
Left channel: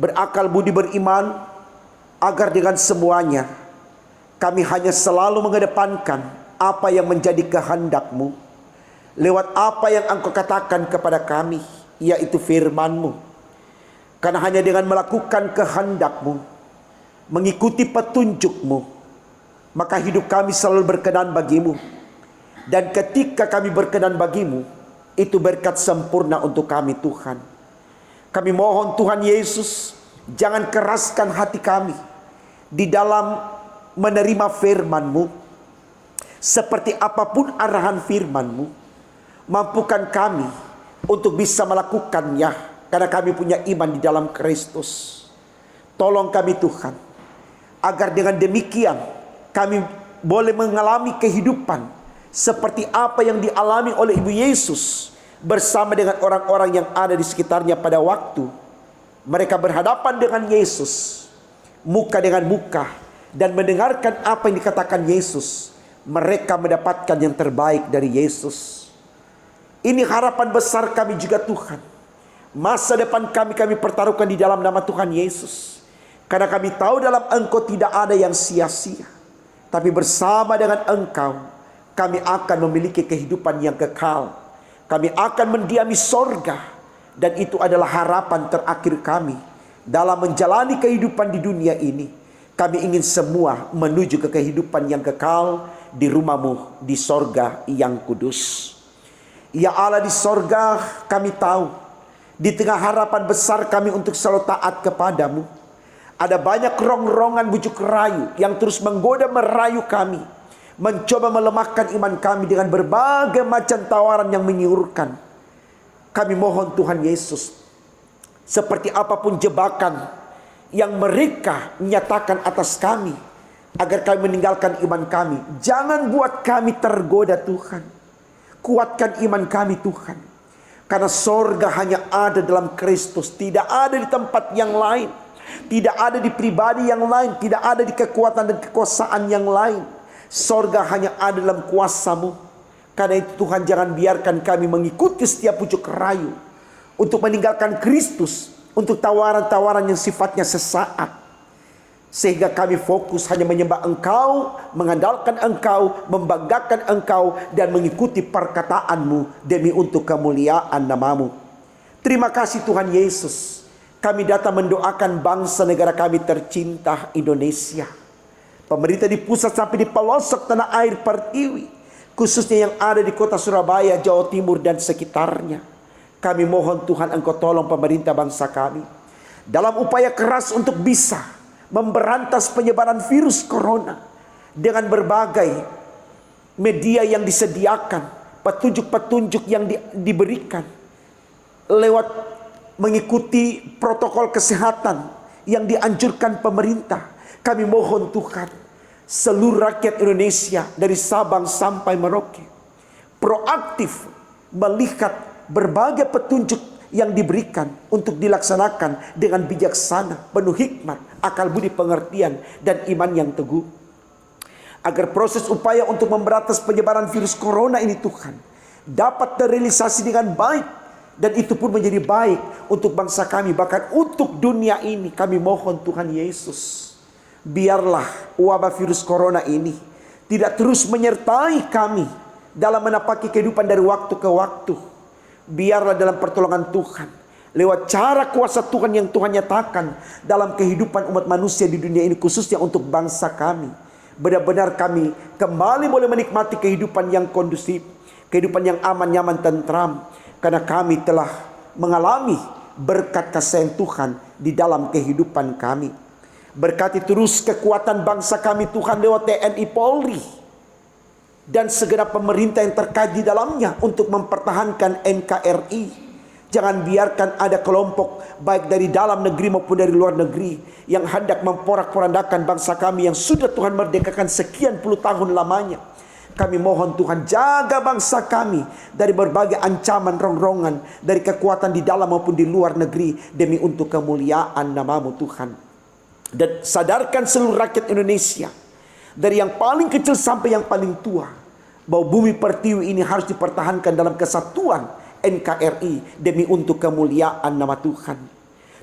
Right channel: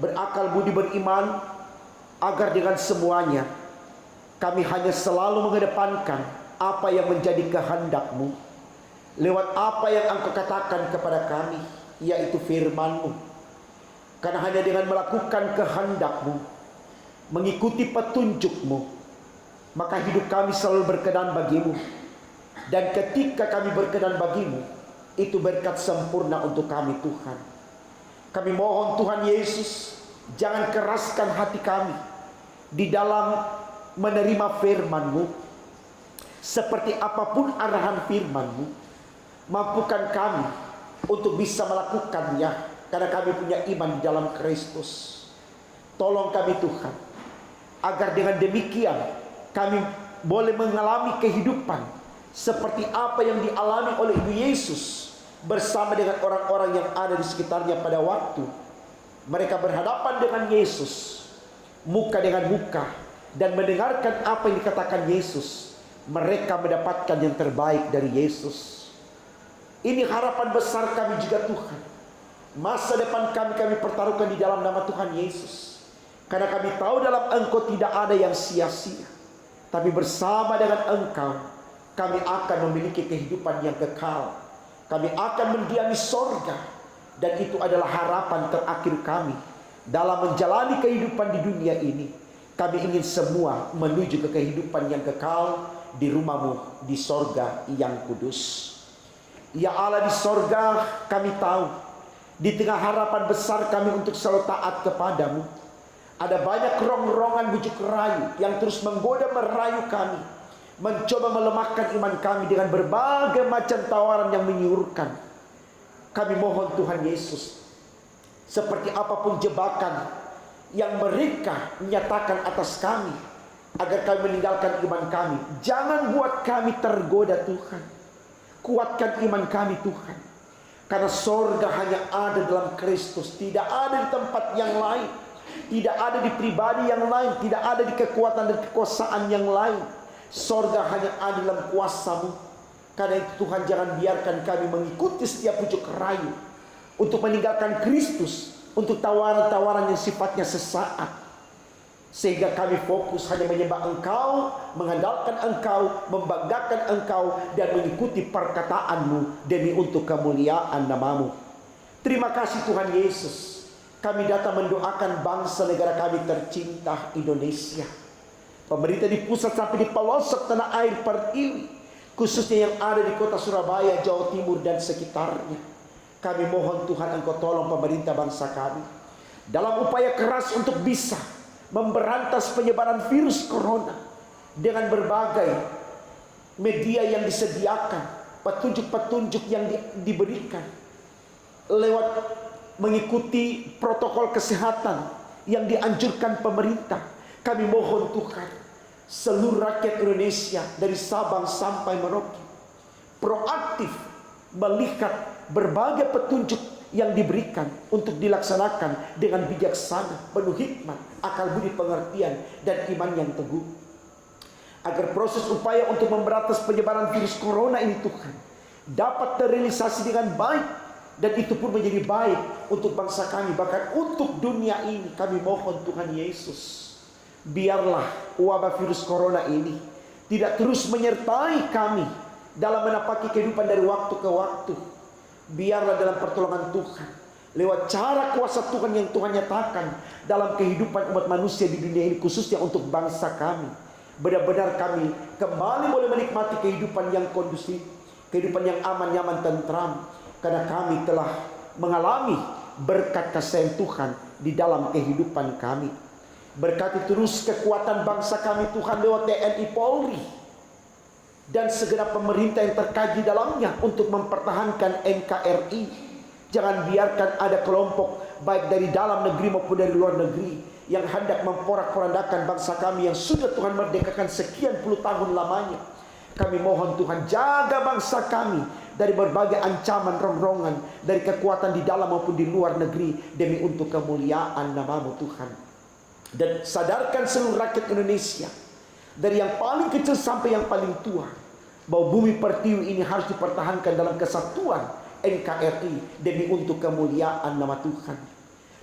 berakal budi, beriman, agar dengan semuanya kami hanya selalu mengedepankan apa yang menjadi kehendak-Mu, lewat apa yang Engkau katakan kepada kami, yaitu firman-Mu. Karena hanya dengan melakukan kehendak-Mu, mengikuti petunjuk-Mu, maka hidup kami selalu berkenan bagi-Mu. Dan ketika kami berkenan bagi-Mu, itu berkat sempurna untuk kami Tuhan. Kami mohon Tuhan Yesus, jangan keraskan hati kami di dalam menerima firman-Mu. Seperti apapun arahan firman-Mu, mampukan kami untuk bisa melakukannya, karena kami punya iman di dalam Kristus. Tolong kami Tuhan, agar dengan demikian kami boleh mengalami kehidupan seperti apa yang dialami oleh Ibu Yesus bersama dengan orang-orang yang ada di sekitarnya pada waktu mereka berhadapan dengan Yesus, muka dengan muka, dan mendengarkan apa yang dikatakan Yesus. Mereka mendapatkan yang terbaik dari Yesus. Ini harapan besar kami juga Tuhan. Masa depan kami pertaruhkan di dalam nama Tuhan Yesus. Karena kami tahu dalam Engkau tidak ada yang sia-sia. Tapi bersama dengan Engkau, kami akan memiliki kehidupan yang kekal. Kami akan mendiami sorga. Dan itu adalah harapan terakhir kami dalam menjalani kehidupan di dunia ini. Kami ingin semua menuju ke kehidupan yang kekal di rumah-Mu di sorga yang kudus. Ya Allah di sorga, kami tahu di tengah harapan besar kami untuk selalu taat kepadamu, ada banyak rong-rongan bujuk rayu yang terus menggoda merayu kami, mencoba melemahkan iman kami dengan berbagai macam tawaran yang menyurutkan. Kami mohon Tuhan Yesus, seperti apapun jebakan yang mereka nyatakan atas kami, agar kami meninggalkan iman kami, jangan buat kami tergoda Tuhan. Kuatkan iman kami Tuhan. Karena sorga hanya ada dalam Kristus, tidak ada di tempat yang lain, tidak ada di pribadi yang lain, tidak ada di kekuatan dan kekuasaan yang lain. Sorga hanya ada dalam kuasa-Mu. Karena itu Tuhan, jangan biarkan kami mengikuti setiap pucuk rayu untuk meninggalkan Kristus, untuk tawaran-tawaran yang sifatnya sesaat. Sehingga kami fokus hanya menyembah Engkau, mengandalkan Engkau, membanggakan Engkau, dan mengikuti perkataan-Mu demi untuk kemuliaan nama-Mu. Terima kasih Tuhan Yesus. Kami datang mendoakan bangsa negara kami tercinta Indonesia. Pemerintah di pusat sampai di pelosok tanah air Pertiwi, khususnya yang ada di kota Surabaya, Jawa Timur dan sekitarnya. Kami mohon Tuhan, Engkau tolong pemerintah bangsa kami dalam upaya keras untuk bisa memberantas penyebaran virus corona dengan berbagai media yang disediakan, petunjuk-petunjuk yang diberikan, lewat mengikuti protokol kesehatan yang dianjurkan pemerintah. Kami mohon Tuhan, seluruh rakyat Indonesia dari Sabang sampai Merauke proaktif melihat berbagai petunjuk yang diberikan untuk dilaksanakan dengan bijaksana, penuh hikmat, akal budi pengertian, dan iman yang teguh. Agar proses upaya untuk memberantas penyebaran virus corona ini Tuhan dapat terrealisasi dengan baik, dan itu pun menjadi baik untuk bangsa kami, bahkan untuk dunia ini. Kami mohon Tuhan Yesus, biarlah wabah virus corona ini tidak terus menyertai kami dalam menapaki kehidupan dari waktu ke waktu. Biarlah dalam pertolongan Tuhan, lewat cara kuasa Tuhan yang Tuhan nyatakan dalam kehidupan umat manusia di dunia ini, khususnya untuk bangsa kami, benar-benar kami kembali boleh menikmati kehidupan yang kondusif, kehidupan yang aman, nyaman, tentram, karena kami telah mengalami berkat kasih Tuhan di dalam kehidupan kami. Berkati terus kekuatan bangsa kami Tuhan lewat TNI Polri dan segenap pemerintah yang terkait di dalamnya untuk mempertahankan NKRI. Jangan biarkan ada kelompok baik dari dalam negeri maupun dari luar negeri yang hendak memporak-porandakan bangsa kami yang sudah Tuhan merdekakan sekian puluh tahun lamanya. Kami mohon Tuhan, jaga bangsa kami dari berbagai ancaman rongrongan dari kekuatan di dalam maupun di luar negeri demi untuk kemuliaan nama-Mu Tuhan. Dan sadarkan seluruh rakyat Indonesia dari yang paling kecil sampai yang paling tua bahwa bumi pertiwi ini harus dipertahankan dalam kesatuan NKRI demi untuk kemuliaan nama Tuhan.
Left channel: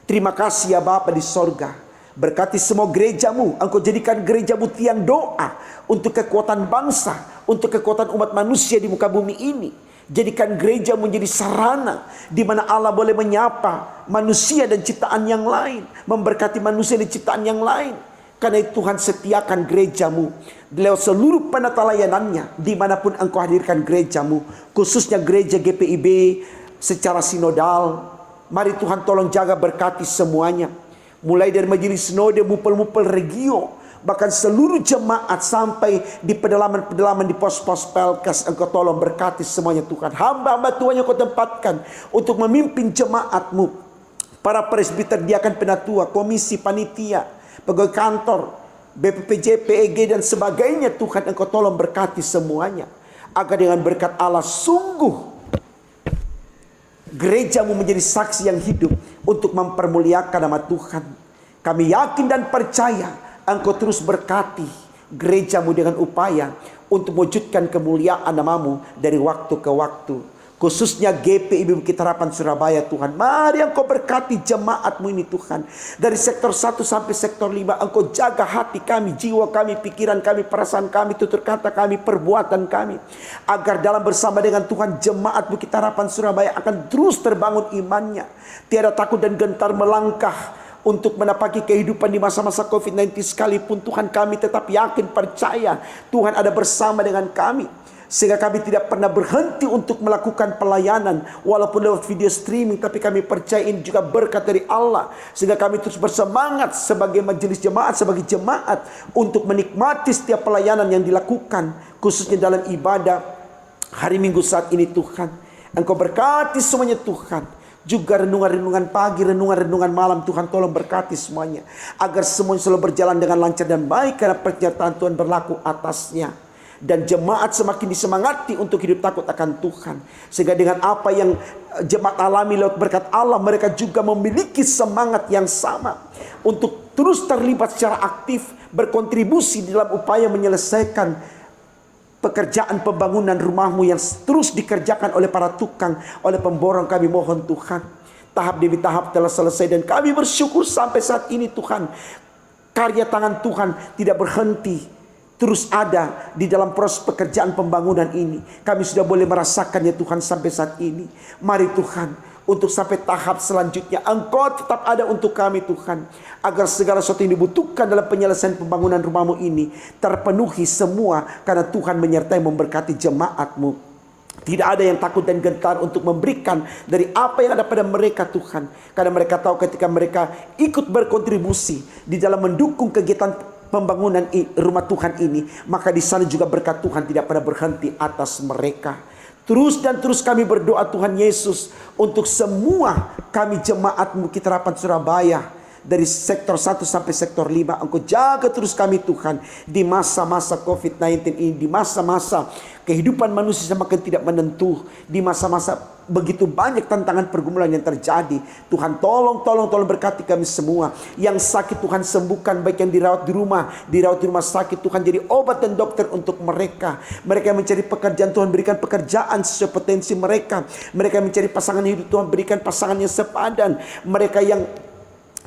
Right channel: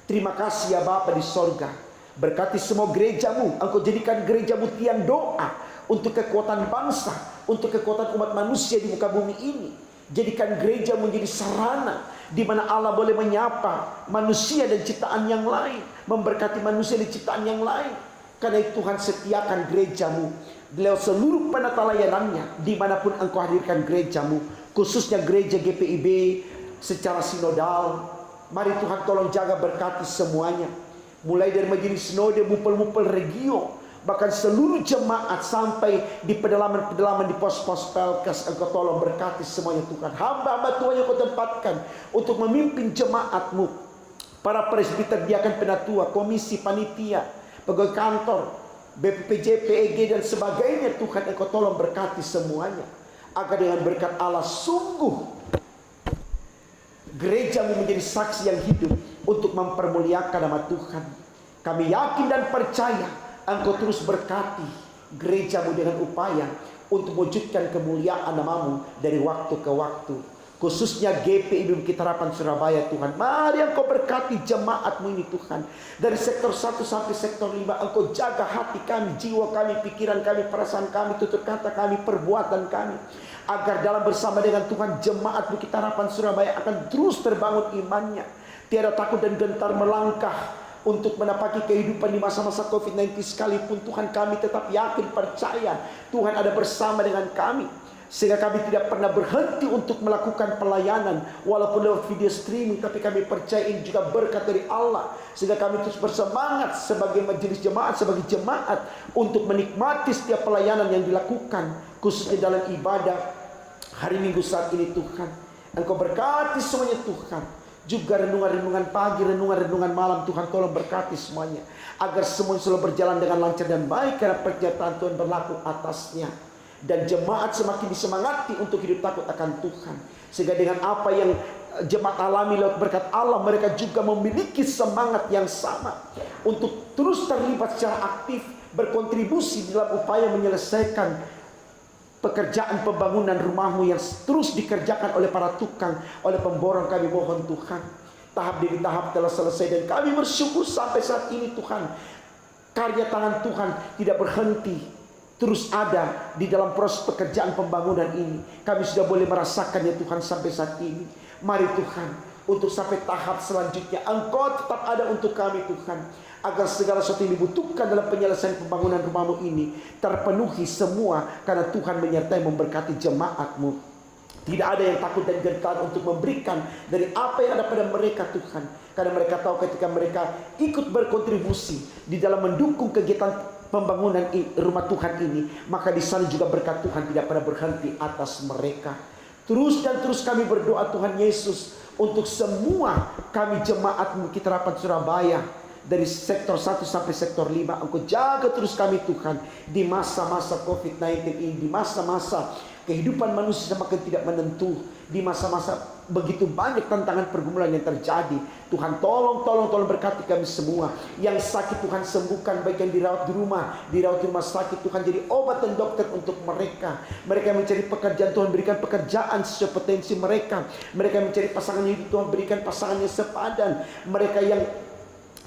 Terima kasih ya Bapa di sorga. Berkati semua gereja-Mu. Engkau jadikan gereja-Mu tiang doa untuk kekuatan bangsa, untuk kekuatan umat manusia di muka bumi ini. Jadikan gereja menjadi sarana di mana Allah boleh menyapa manusia dan ciptaan yang lain, memberkati manusia dan ciptaan yang lain. Karena itu Tuhan setiakan gereja-Mu lewat seluruh penata layanannya dimanapun Engkau hadirkan gereja-Mu, khususnya gereja GPIB secara sinodal. Mari Tuhan tolong jaga berkati semuanya, mulai dari majelis sinode, mupel-mupel regio, bahkan seluruh jemaat sampai di pedalaman-pedalaman di pos-pos Pelkes. Engkau tolong berkati semuanya Tuhan. Hamba-hamba Tuhan yang Kau tempatkan untuk memimpin jemaat-Mu, para presbiter, diakan, penatua, komisi, panitia, pegawai kantor, BPPJ, PEG dan sebagainya Tuhan, Engkau tolong berkati semuanya, agar dengan berkat Allah sungguh gereja-Mu menjadi saksi yang hidup untuk mempermuliakan nama Tuhan. Kami yakin dan percaya Engkau terus berkati gereja-Mu dengan upaya untuk mewujudkan kemuliaan nama-Mu dari waktu ke waktu. Khususnya GPIB Bukit Harapan Surabaya Tuhan. Mari Engkau berkati jemaat-Mu ini Tuhan. Dari sektor 1 sampai sektor 5. Engkau jaga hati kami, jiwa kami, pikiran kami, perasaan kami, tutur kata kami, perbuatan kami. Agar dalam bersama dengan Tuhan jemaat Bukit Harapan Surabaya akan terus terbangun imannya. Tiada takut dan gentar melangkah untuk menapaki kehidupan di masa-masa COVID-19 sekalipun. Tuhan, kami tetap yakin, percaya Tuhan ada bersama dengan kami. Sehingga kami tidak pernah berhenti untuk melakukan pelayanan walaupun lewat video streaming, tapi kami percaya ini juga berkat dari Allah. Sehingga kami terus bersemangat sebagai majelis jemaat, sebagai jemaat untuk menikmati setiap pelayanan yang dilakukan, khususnya dalam ibadah hari Minggu saat ini Tuhan. Engkau berkati semuanya Tuhan. Juga renungan-renungan pagi, renungan-renungan malam Tuhan tolong berkati semuanya, agar semuanya selalu berjalan dengan lancar dan baik karena penyertaan Tuhan berlaku atasnya. Dan jemaat semakin disemangati untuk hidup takut akan Tuhan. Sehingga dengan apa yang jemaat alami lewat berkat Allah, mereka juga memiliki semangat yang sama untuk terus terlibat secara aktif, berkontribusi dalam upaya menyelesaikan pekerjaan pembangunan rumah-Mu yang terus dikerjakan oleh para tukang, oleh pemborong. Kami mohon Tuhan, tahap demi tahap telah selesai dan kami bersyukur sampai saat ini Tuhan. Karya tangan Tuhan tidak berhenti, terus ada di dalam proses pekerjaan pembangunan ini. Kami sudah boleh merasakannya Tuhan sampai saat ini. Mari Tuhan, untuk sampai tahap selanjutnya Engkau tetap ada untuk kami Tuhan, agar segala sesuatu yang dibutuhkan dalam penyelesaian pembangunan rumah-Mu ini terpenuhi semua, karena Tuhan menyertai memberkati jemaat-Mu. Tidak ada yang takut dan gentar untuk memberikan dari apa yang ada pada mereka Tuhan, karena mereka tahu ketika mereka ikut berkontribusi di dalam mendukung kegiatan pembangunan rumah Tuhan ini, maka di sana juga berkat Tuhan tidak pernah berhenti atas mereka. Terus dan terus kami berdoa Tuhan Yesus untuk semua kami jemaat Bukit Harapan Surabaya, dari sektor 1 sampai sektor 5. Engkau jaga terus kami Tuhan di masa-masa COVID-19 ini, di masa-masa kehidupan manusia semakin tidak menentu, di masa-masa begitu banyak tantangan pergumulan yang terjadi. Tuhan tolong berkati kami semua. Yang sakit Tuhan sembuhkan, baik yang dirawat di rumah sakit Tuhan jadi obat dan dokter untuk mereka. Mereka yang mencari pekerjaan Tuhan berikan pekerjaan sesuai potensi mereka. Mereka yang mencari pasangan hidup Tuhan berikan pasangan yang sepadan. Mereka yang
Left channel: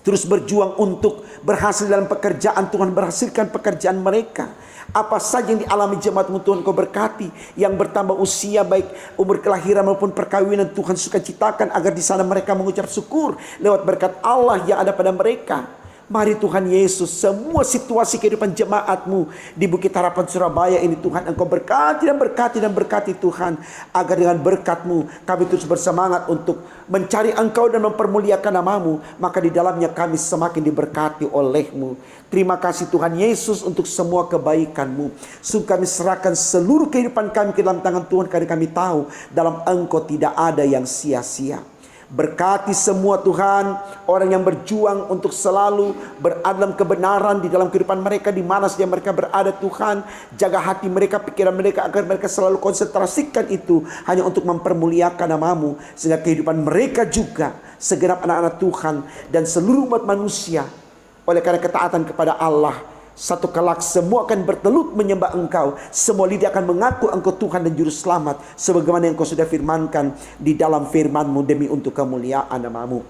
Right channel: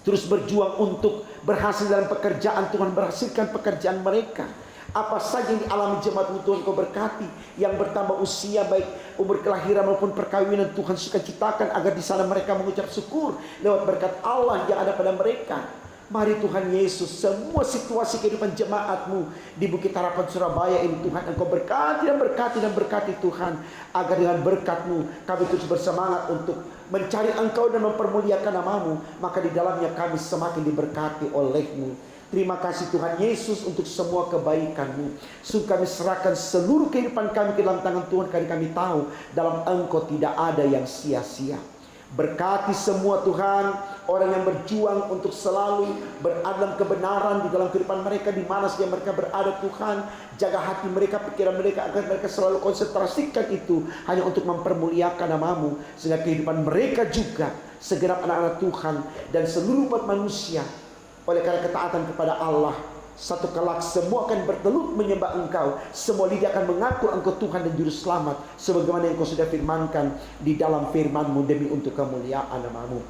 terus berjuang untuk berhasil dalam pekerjaan Tuhan berhasilkan pekerjaan mereka. Apa saja yang dialami jemaat-Mu Tuhan Kau berkati. Yang bertambah usia baik umur kelahiran maupun perkawinan Tuhan suka ciptakan, agar di sana mereka mengucap syukur lewat berkat Allah yang ada pada mereka. Mari Tuhan Yesus, semua situasi kehidupan jemaat-Mu di Bukit Harapan Surabaya ini Tuhan, Engkau berkati dan berkati dan berkati Tuhan. Agar dengan berkat-Mu kami terus bersemangat untuk mencari Engkau dan mempermuliakan nama-Mu. Maka di dalamnya kami semakin diberkati oleh-Mu. Terima kasih Tuhan Yesus untuk semua kebaikan-Mu. Sungguh kami serahkan seluruh kehidupan kami ke dalam tangan Tuhan, karena kami tahu dalam Engkau tidak ada yang sia-sia. Berkati semua Tuhan, orang yang berjuang untuk selalu berada dalam kebenaran di dalam kehidupan mereka, di mana saja mereka berada Tuhan. Jaga hati mereka, pikiran mereka, agar mereka selalu konsentrasikan itu hanya untuk mempermuliakan nama-Mu. Sehingga kehidupan mereka juga, segenap anak-anak Tuhan dan seluruh umat manusia, oleh karena ketaatan kepada Allah, satu kelak semua akan bertelut menyembah Engkau. Semua lidah akan mengaku Engkau Tuhan dan Juru Selamat, sebagaimana yang Engkau sudah firmankan di dalam firman-Mu, demi untuk kemuliaan nama-Mu.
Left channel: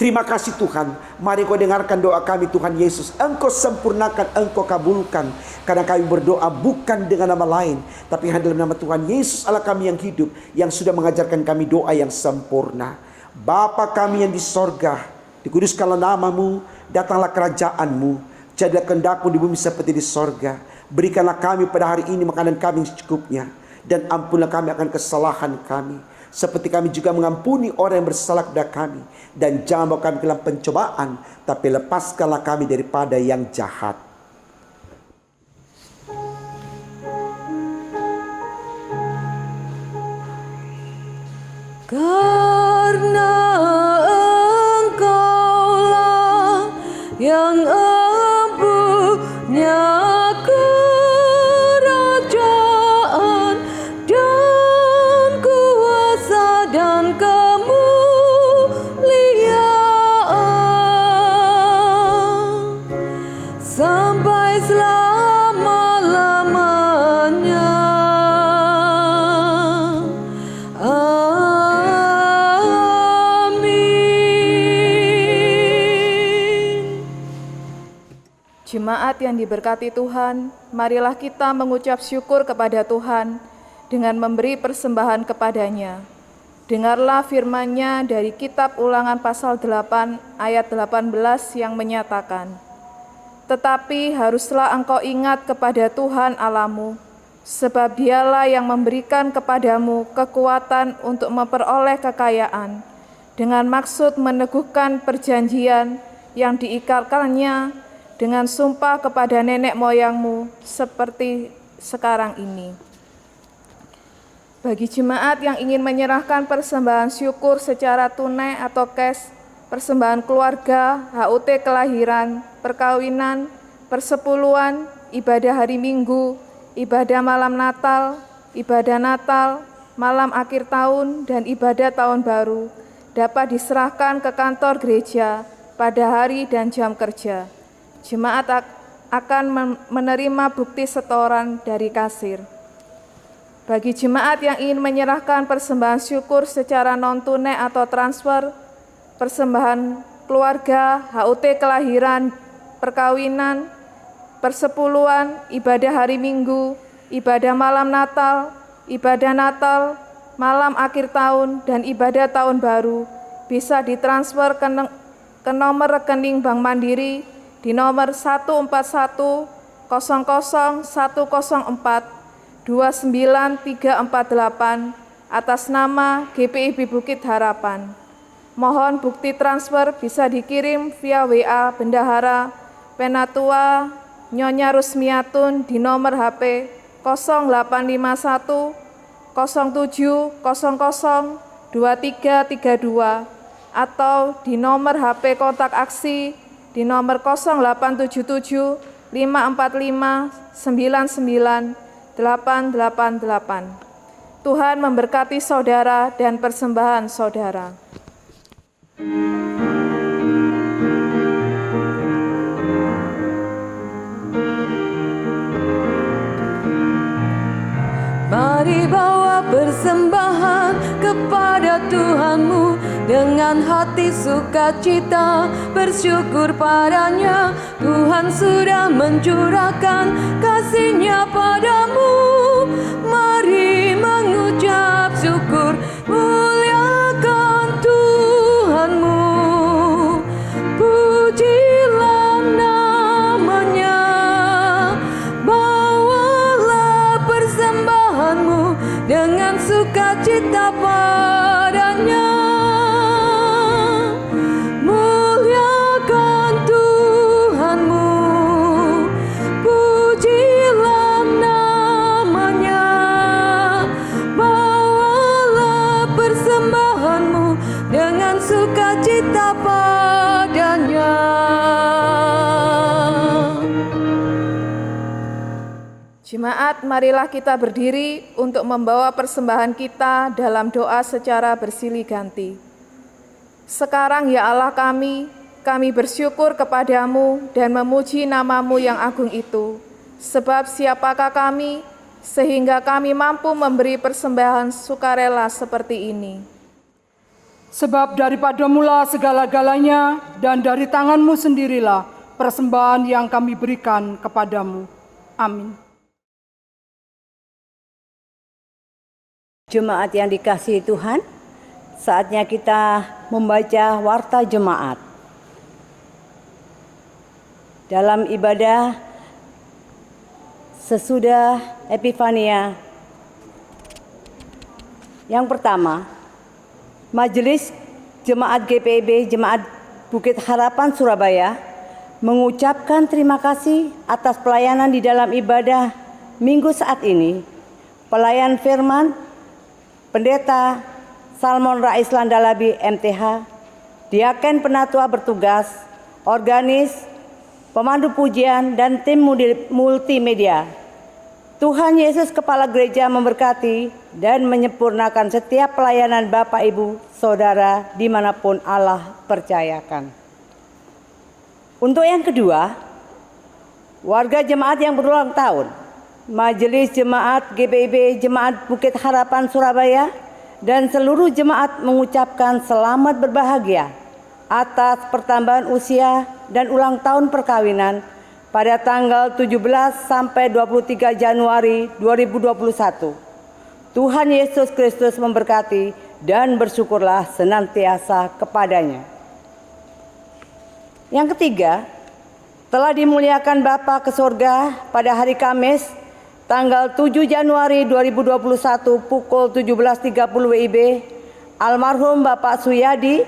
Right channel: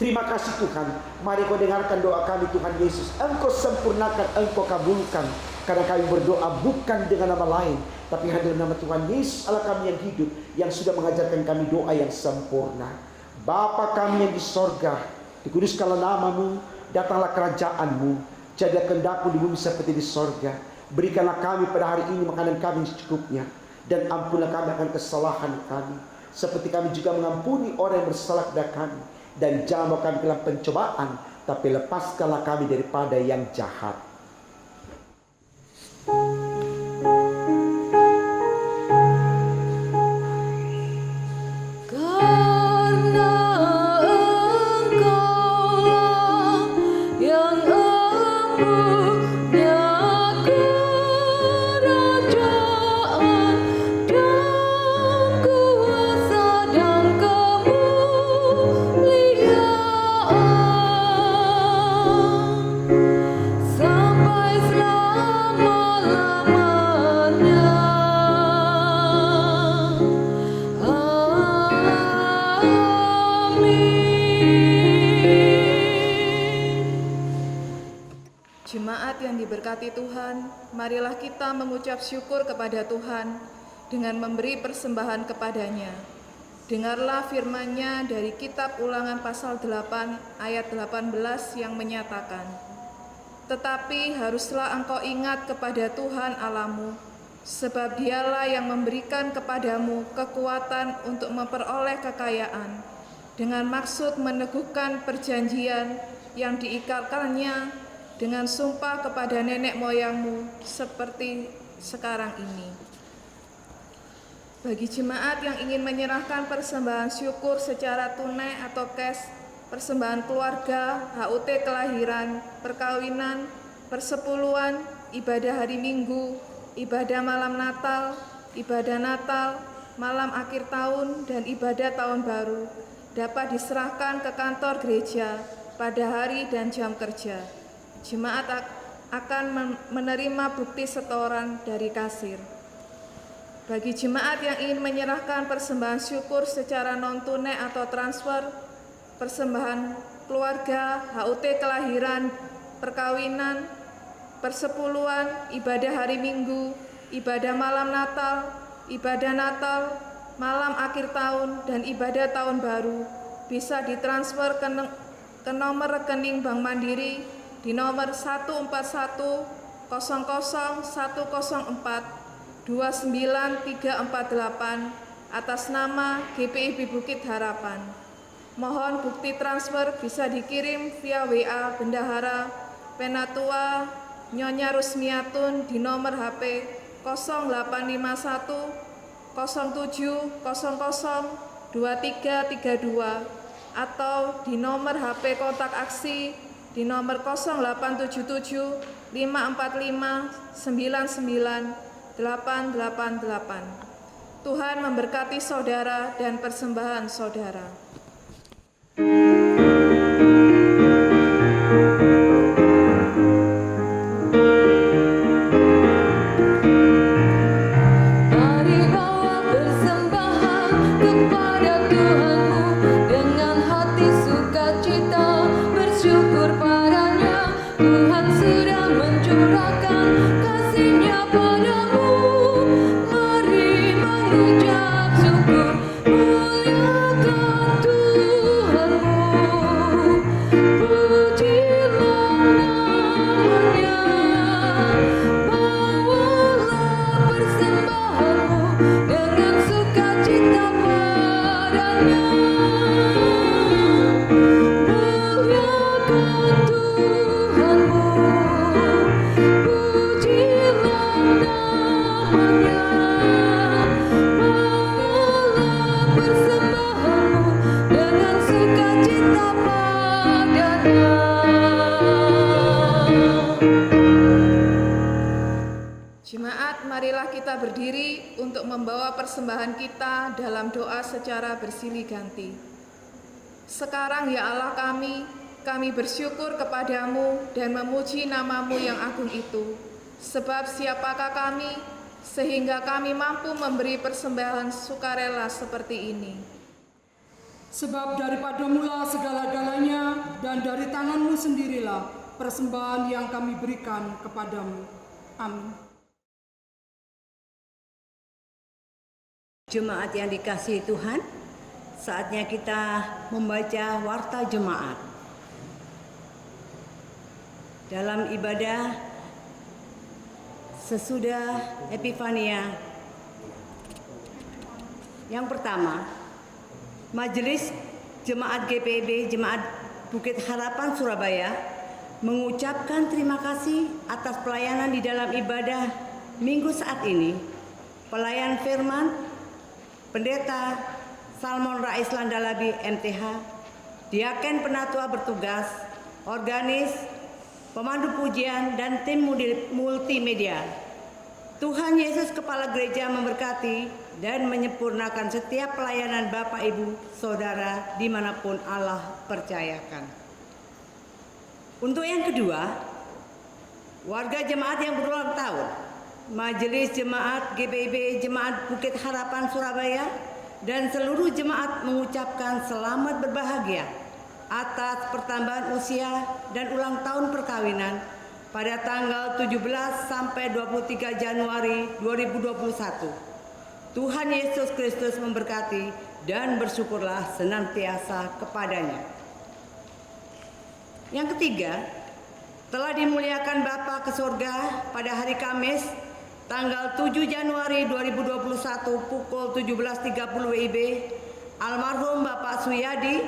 Terima kasih Tuhan. Mari Kau dengarkan doa kami Tuhan Yesus. Engkau sempurnakan, Engkau kabulkan. Karena kami berdoa bukan dengan nama lain, tapi hanya dalam nama Tuhan Yesus Allah kami yang hidup, yang sudah mengajarkan kami doa yang sempurna. Bapa kami yang di sorga, dikuduskanlah nama-Mu, datanglah kerajaan-Mu. Jadilah kehendak-Mu di bumi seperti di sorga. Berikanlah kami pada hari ini makanan kami secukupnya. Dan ampunlah kami akan kesalahan kami, seperti kami juga mengampuni orang yang bersalah kepada kami. Dan jangan bawa kami ke dalam pencobaan, tapi lepaskanlah kami daripada yang jahat. Karena Engkaulah yang Jemaat yang diberkati Tuhan, marilah kita mengucap syukur kepada Tuhan dengan memberi persembahan kepadanya. Dengarlah firman-Nya dari kitab Ulangan pasal 8 ayat 18 yang menyatakan, "Tetapi haruslah engkau ingat kepada Tuhan Allahmu, sebab Dialah yang memberikan kepadamu kekuatan untuk memperoleh kekayaan, dengan maksud meneguhkan perjanjian yang diikatkannya dengan sumpah kepada nenek moyangmu seperti sekarang ini." Bagi jemaat yang ingin menyerahkan persembahan syukur secara tunai atau cash, persembahan keluarga, HUT kelahiran, perkawinan, persepuluhan, ibadah hari Minggu, ibadah malam Natal, malam akhir tahun, dan ibadah tahun baru, dapat diserahkan ke kantor gereja pada hari dan jam kerja. Jemaat akan menerima bukti setoran dari kasir. Bagi jemaat yang ingin menyerahkan persembahan syukur secara non-tunai atau transfer, persembahan keluarga, HUT kelahiran, perkawinan, persepuluhan, ibadah hari Minggu, ibadah malam Natal, malam akhir tahun, dan ibadah tahun baru, bisa ditransfer ke nomor rekening Bank Mandiri di nomor 141-104-29348 atas nama GPIB Bukit Harapan. Mohon bukti transfer bisa dikirim via WA Bendahara Penatua Nyonya Rusmiatun di nomor HP 0851 0700 2332 atau di nomor HP kontak aksi di nomor 0877 545 99 888. Tuhan memberkati saudara dan persembahan saudara. Mari bawa persembahan kepada Tuhanmu dengan hati sukacita, bersyukur padanya. Tuhan sudah mencurahkan kasih-Nya padamu. Mari mengucap syukur, muliakan Tuhanmu. Pujilah jemaat, marilah kita berdiri untuk membawa persembahan kita dalam doa secara bersilih ganti. Sekarang ya Allah kami bersyukur kepadamu dan memuji namamu yang agung itu. Sebab siapakah kami, sehingga kami mampu memberi persembahan sukarela seperti ini. Sebab daripada mula segala-galanya dan dari tanganmu sendirilah persembahan yang kami berikan kepadamu. Amin. Jemaat yang dikasihi Tuhan, saatnya kita membaca warta jemaat. Dalam ibadah sesudah Epifania, yang pertama, Majelis Jemaat GPIB Jemaat Bukit Harapan Surabaya mengucapkan terima kasih atas pelayanan di dalam ibadah minggu saat ini. Pelayan firman, Pendeta Salmon Rais Landalabi MTH, Diaken Penatua bertugas, organis, pemandu pujian, dan tim multimedia. Tuhan Yesus Kepala Gereja memberkati dan menyempurnakan setiap pelayanan Bapak, Ibu, Saudara dimanapun Allah percayakan. Untuk yang kedua, warga jemaat yang berulang tahun, Majelis Jemaat GPIB Jemaat Bukit Harapan Surabaya dan seluruh jemaat mengucapkan selamat berbahagia atas pertambahan usia dan ulang tahun perkawinan pada tanggal 17 sampai 23 Januari 2021. Tuhan Yesus Kristus memberkati dan bersyukurlah senantiasa kepadanya. Yang ketiga, telah dimuliakan Bapa ke surga pada hari Kamis tanggal 7 Januari 2021 pukul 17.30 WIB, almarhum Bapak Suyadi,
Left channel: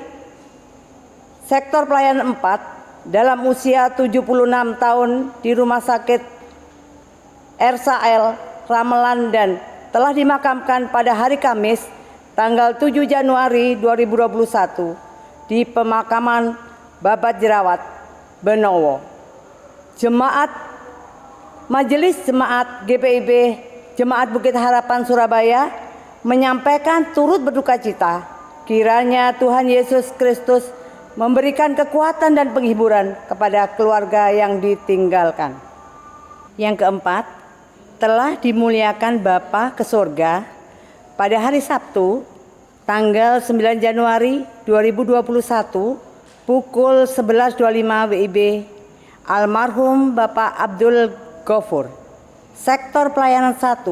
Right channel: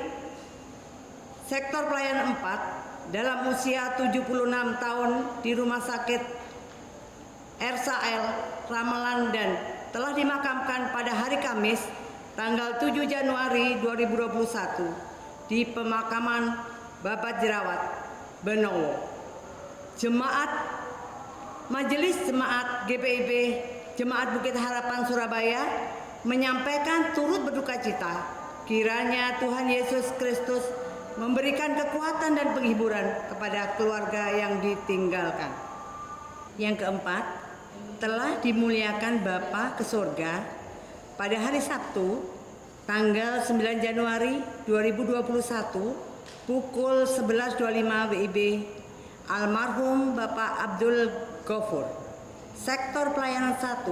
sektor pelayanan 4, dalam usia 76 tahun di Rumah Sakit Ersael, Ramelan, dan telah dimakamkan pada hari Kamis tanggal 7 Januari 2021 di pemakaman Babat Jerawat, Benowo. Majelis Jemaat GPIB Jemaat Bukit Harapan Surabaya menyampaikan turut berduka cita kiranya Tuhan Yesus Kristus memberikan kekuatan dan penghiburan kepada keluarga yang ditinggalkan. Yang keempat, telah dimuliakan Bapa ke surga pada hari Sabtu tanggal 9 Januari 2021 pukul 11.25 WIB, almarhum Bapak Abdul Gofur, sektor pelayanan 1,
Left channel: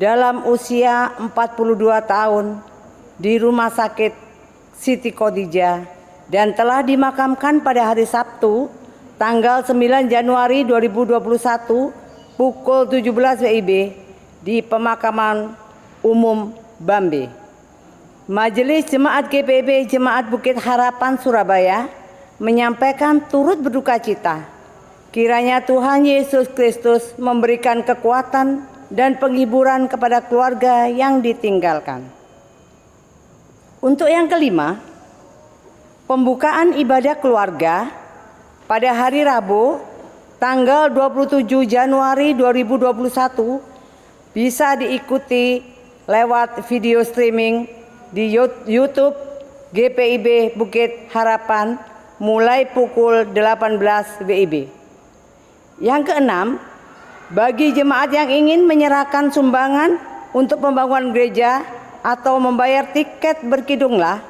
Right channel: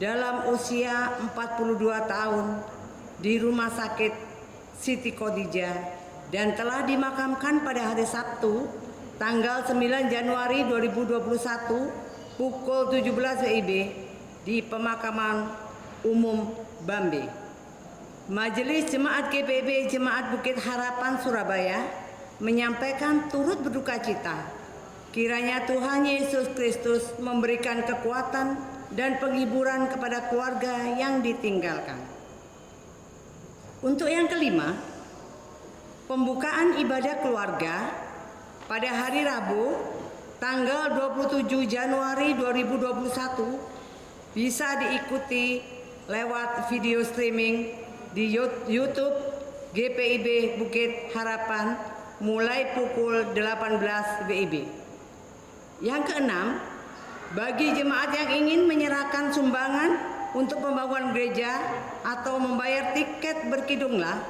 dalam usia 42 tahun di Rumah Sakit Siti Khadijah dan telah dimakamkan pada hari Sabtu tanggal 9 Januari 2021 pukul 17 WIB di pemakaman umum Bambe. Majelis Jemaat GPIB Jemaat Bukit Harapan Surabaya menyampaikan turut berduka cita kiranya Tuhan Yesus Kristus memberikan kekuatan dan penghiburan kepada keluarga yang ditinggalkan. Untuk yang kelima, pembukaan ibadah keluarga pada hari Rabu tanggal 27 Januari 2021 bisa diikuti lewat video streaming di YouTube GPIB Bukit Harapan mulai pukul 18 WIB. Yang keenam, bagi jemaat yang ingin menyerahkan sumbangan untuk pembangunan gereja atau membayar tiket berkidunglah,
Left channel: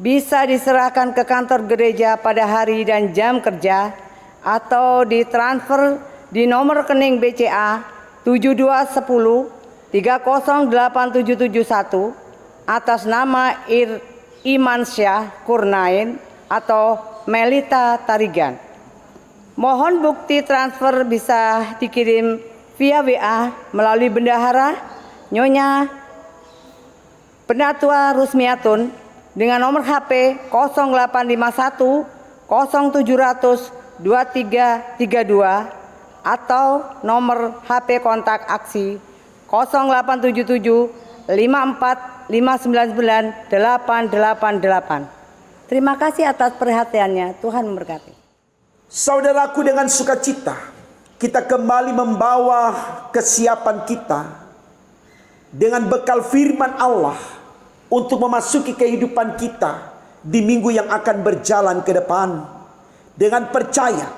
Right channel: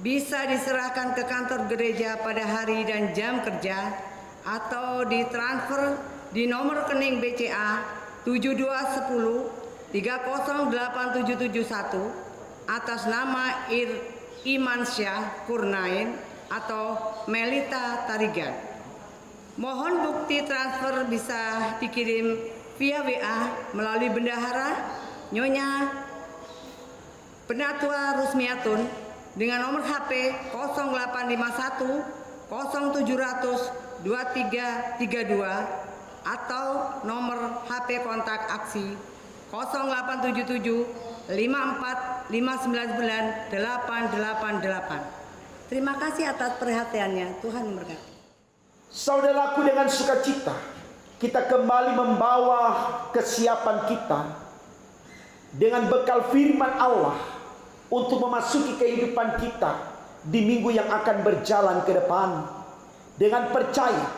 bisa diserahkan ke kantor gereja pada hari dan jam kerja atau ditransfer di nomor rekening BCA 7210 308771 atas nama Imansyah Kurnain atau Melita Tarigan. Mohon bukti transfer bisa dikirim via WA melalui Bendahara Nyonya Penatua Rusmiatun dengan nomor HP 0851 0700 2332 atau nomor HP kontak aksi 0877 54 599 888. Terima kasih atas perhatiannya. Tuhan memberkati. Saudaraku, dengan sukacita kita kembali membawa kesiapan kita dengan bekal firman Allah untuk memasuki kehidupan kita di minggu yang akan berjalan ke depan. Dengan percaya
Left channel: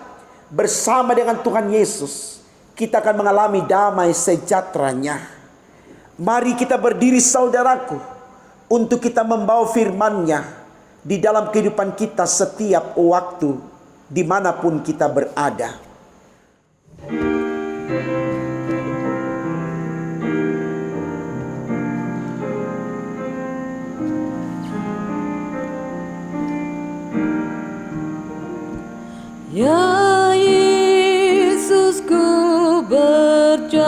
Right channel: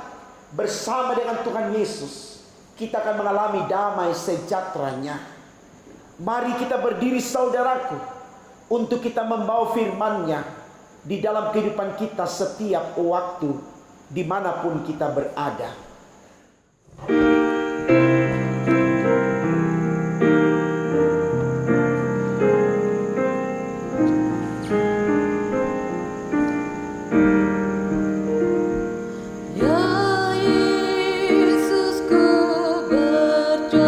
bersama dengan Tuhan Yesus, kita akan mengalami damai sejahtera-Nya. Mari kita berdiri saudaraku, untuk kita membawa firman-Nya di dalam kehidupan kita setiap waktu, dimanapun kita berada. Ya Yesus, ku berjanji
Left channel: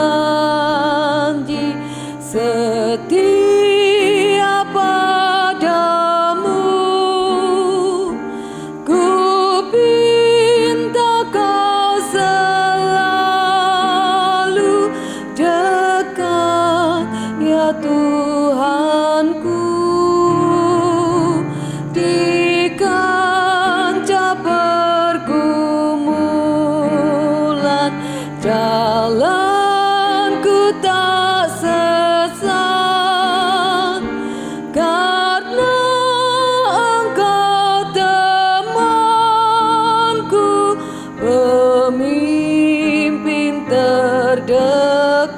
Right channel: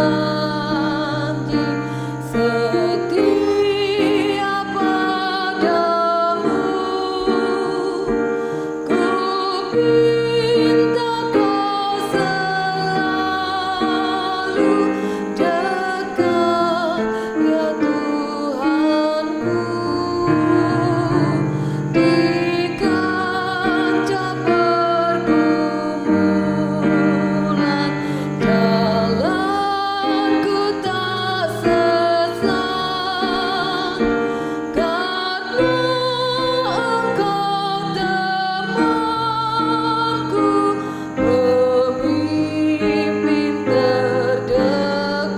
setia padamu. Ku pinta kau selalu dekat, ya Tuhanku, di kancah pergumulan. Jalanku tak sesat, karena Engkau temanku, pemimpin terdekat.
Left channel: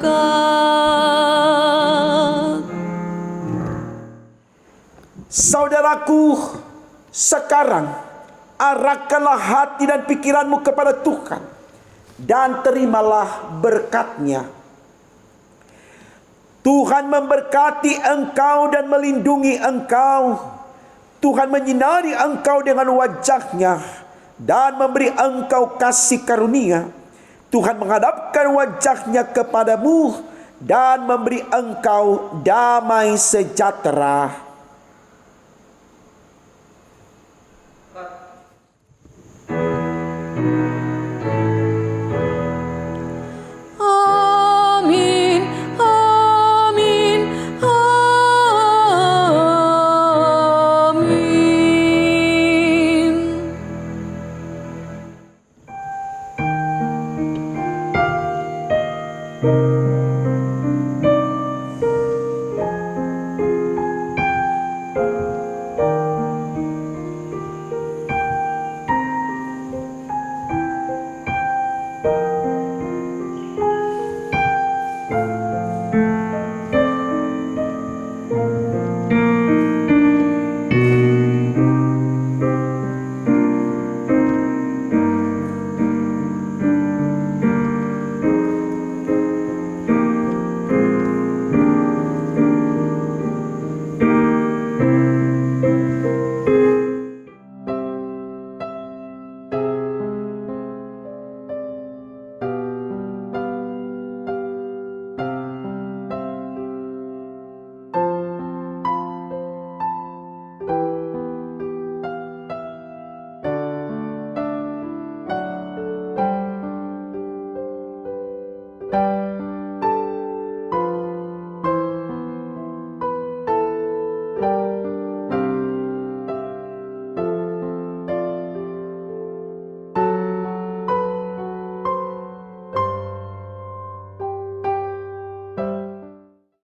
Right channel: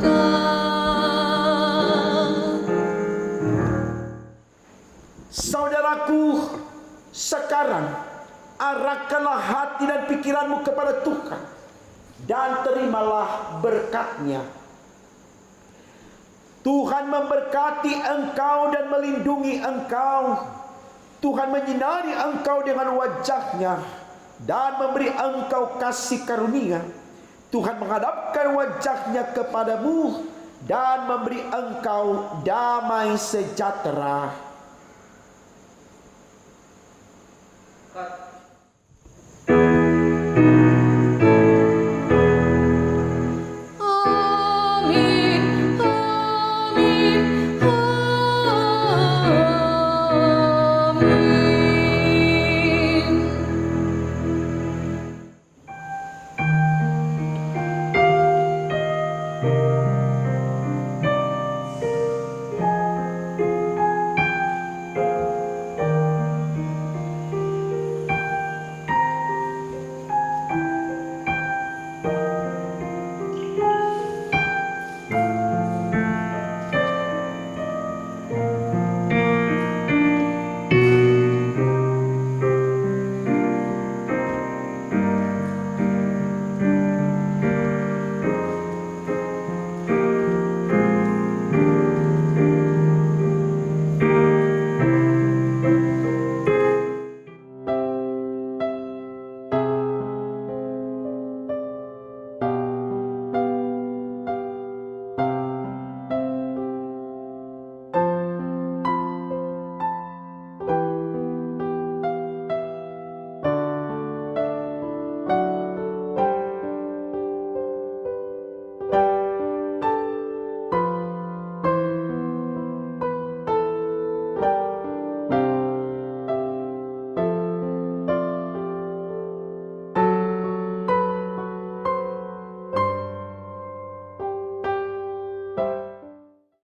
Saudaraku, sekarang arahkanlah hati dan pikiranmu kepada Tuhan dan terimalah berkat-Nya. Tuhan memberkati engkau dan melindungi engkau. Tuhan menyinari engkau dengan wajah-Nya dan memberi engkau kasih karunia. Tuhan menghadapkan wajah-Nya kepadamu dan memberi engkau damai sejahtera.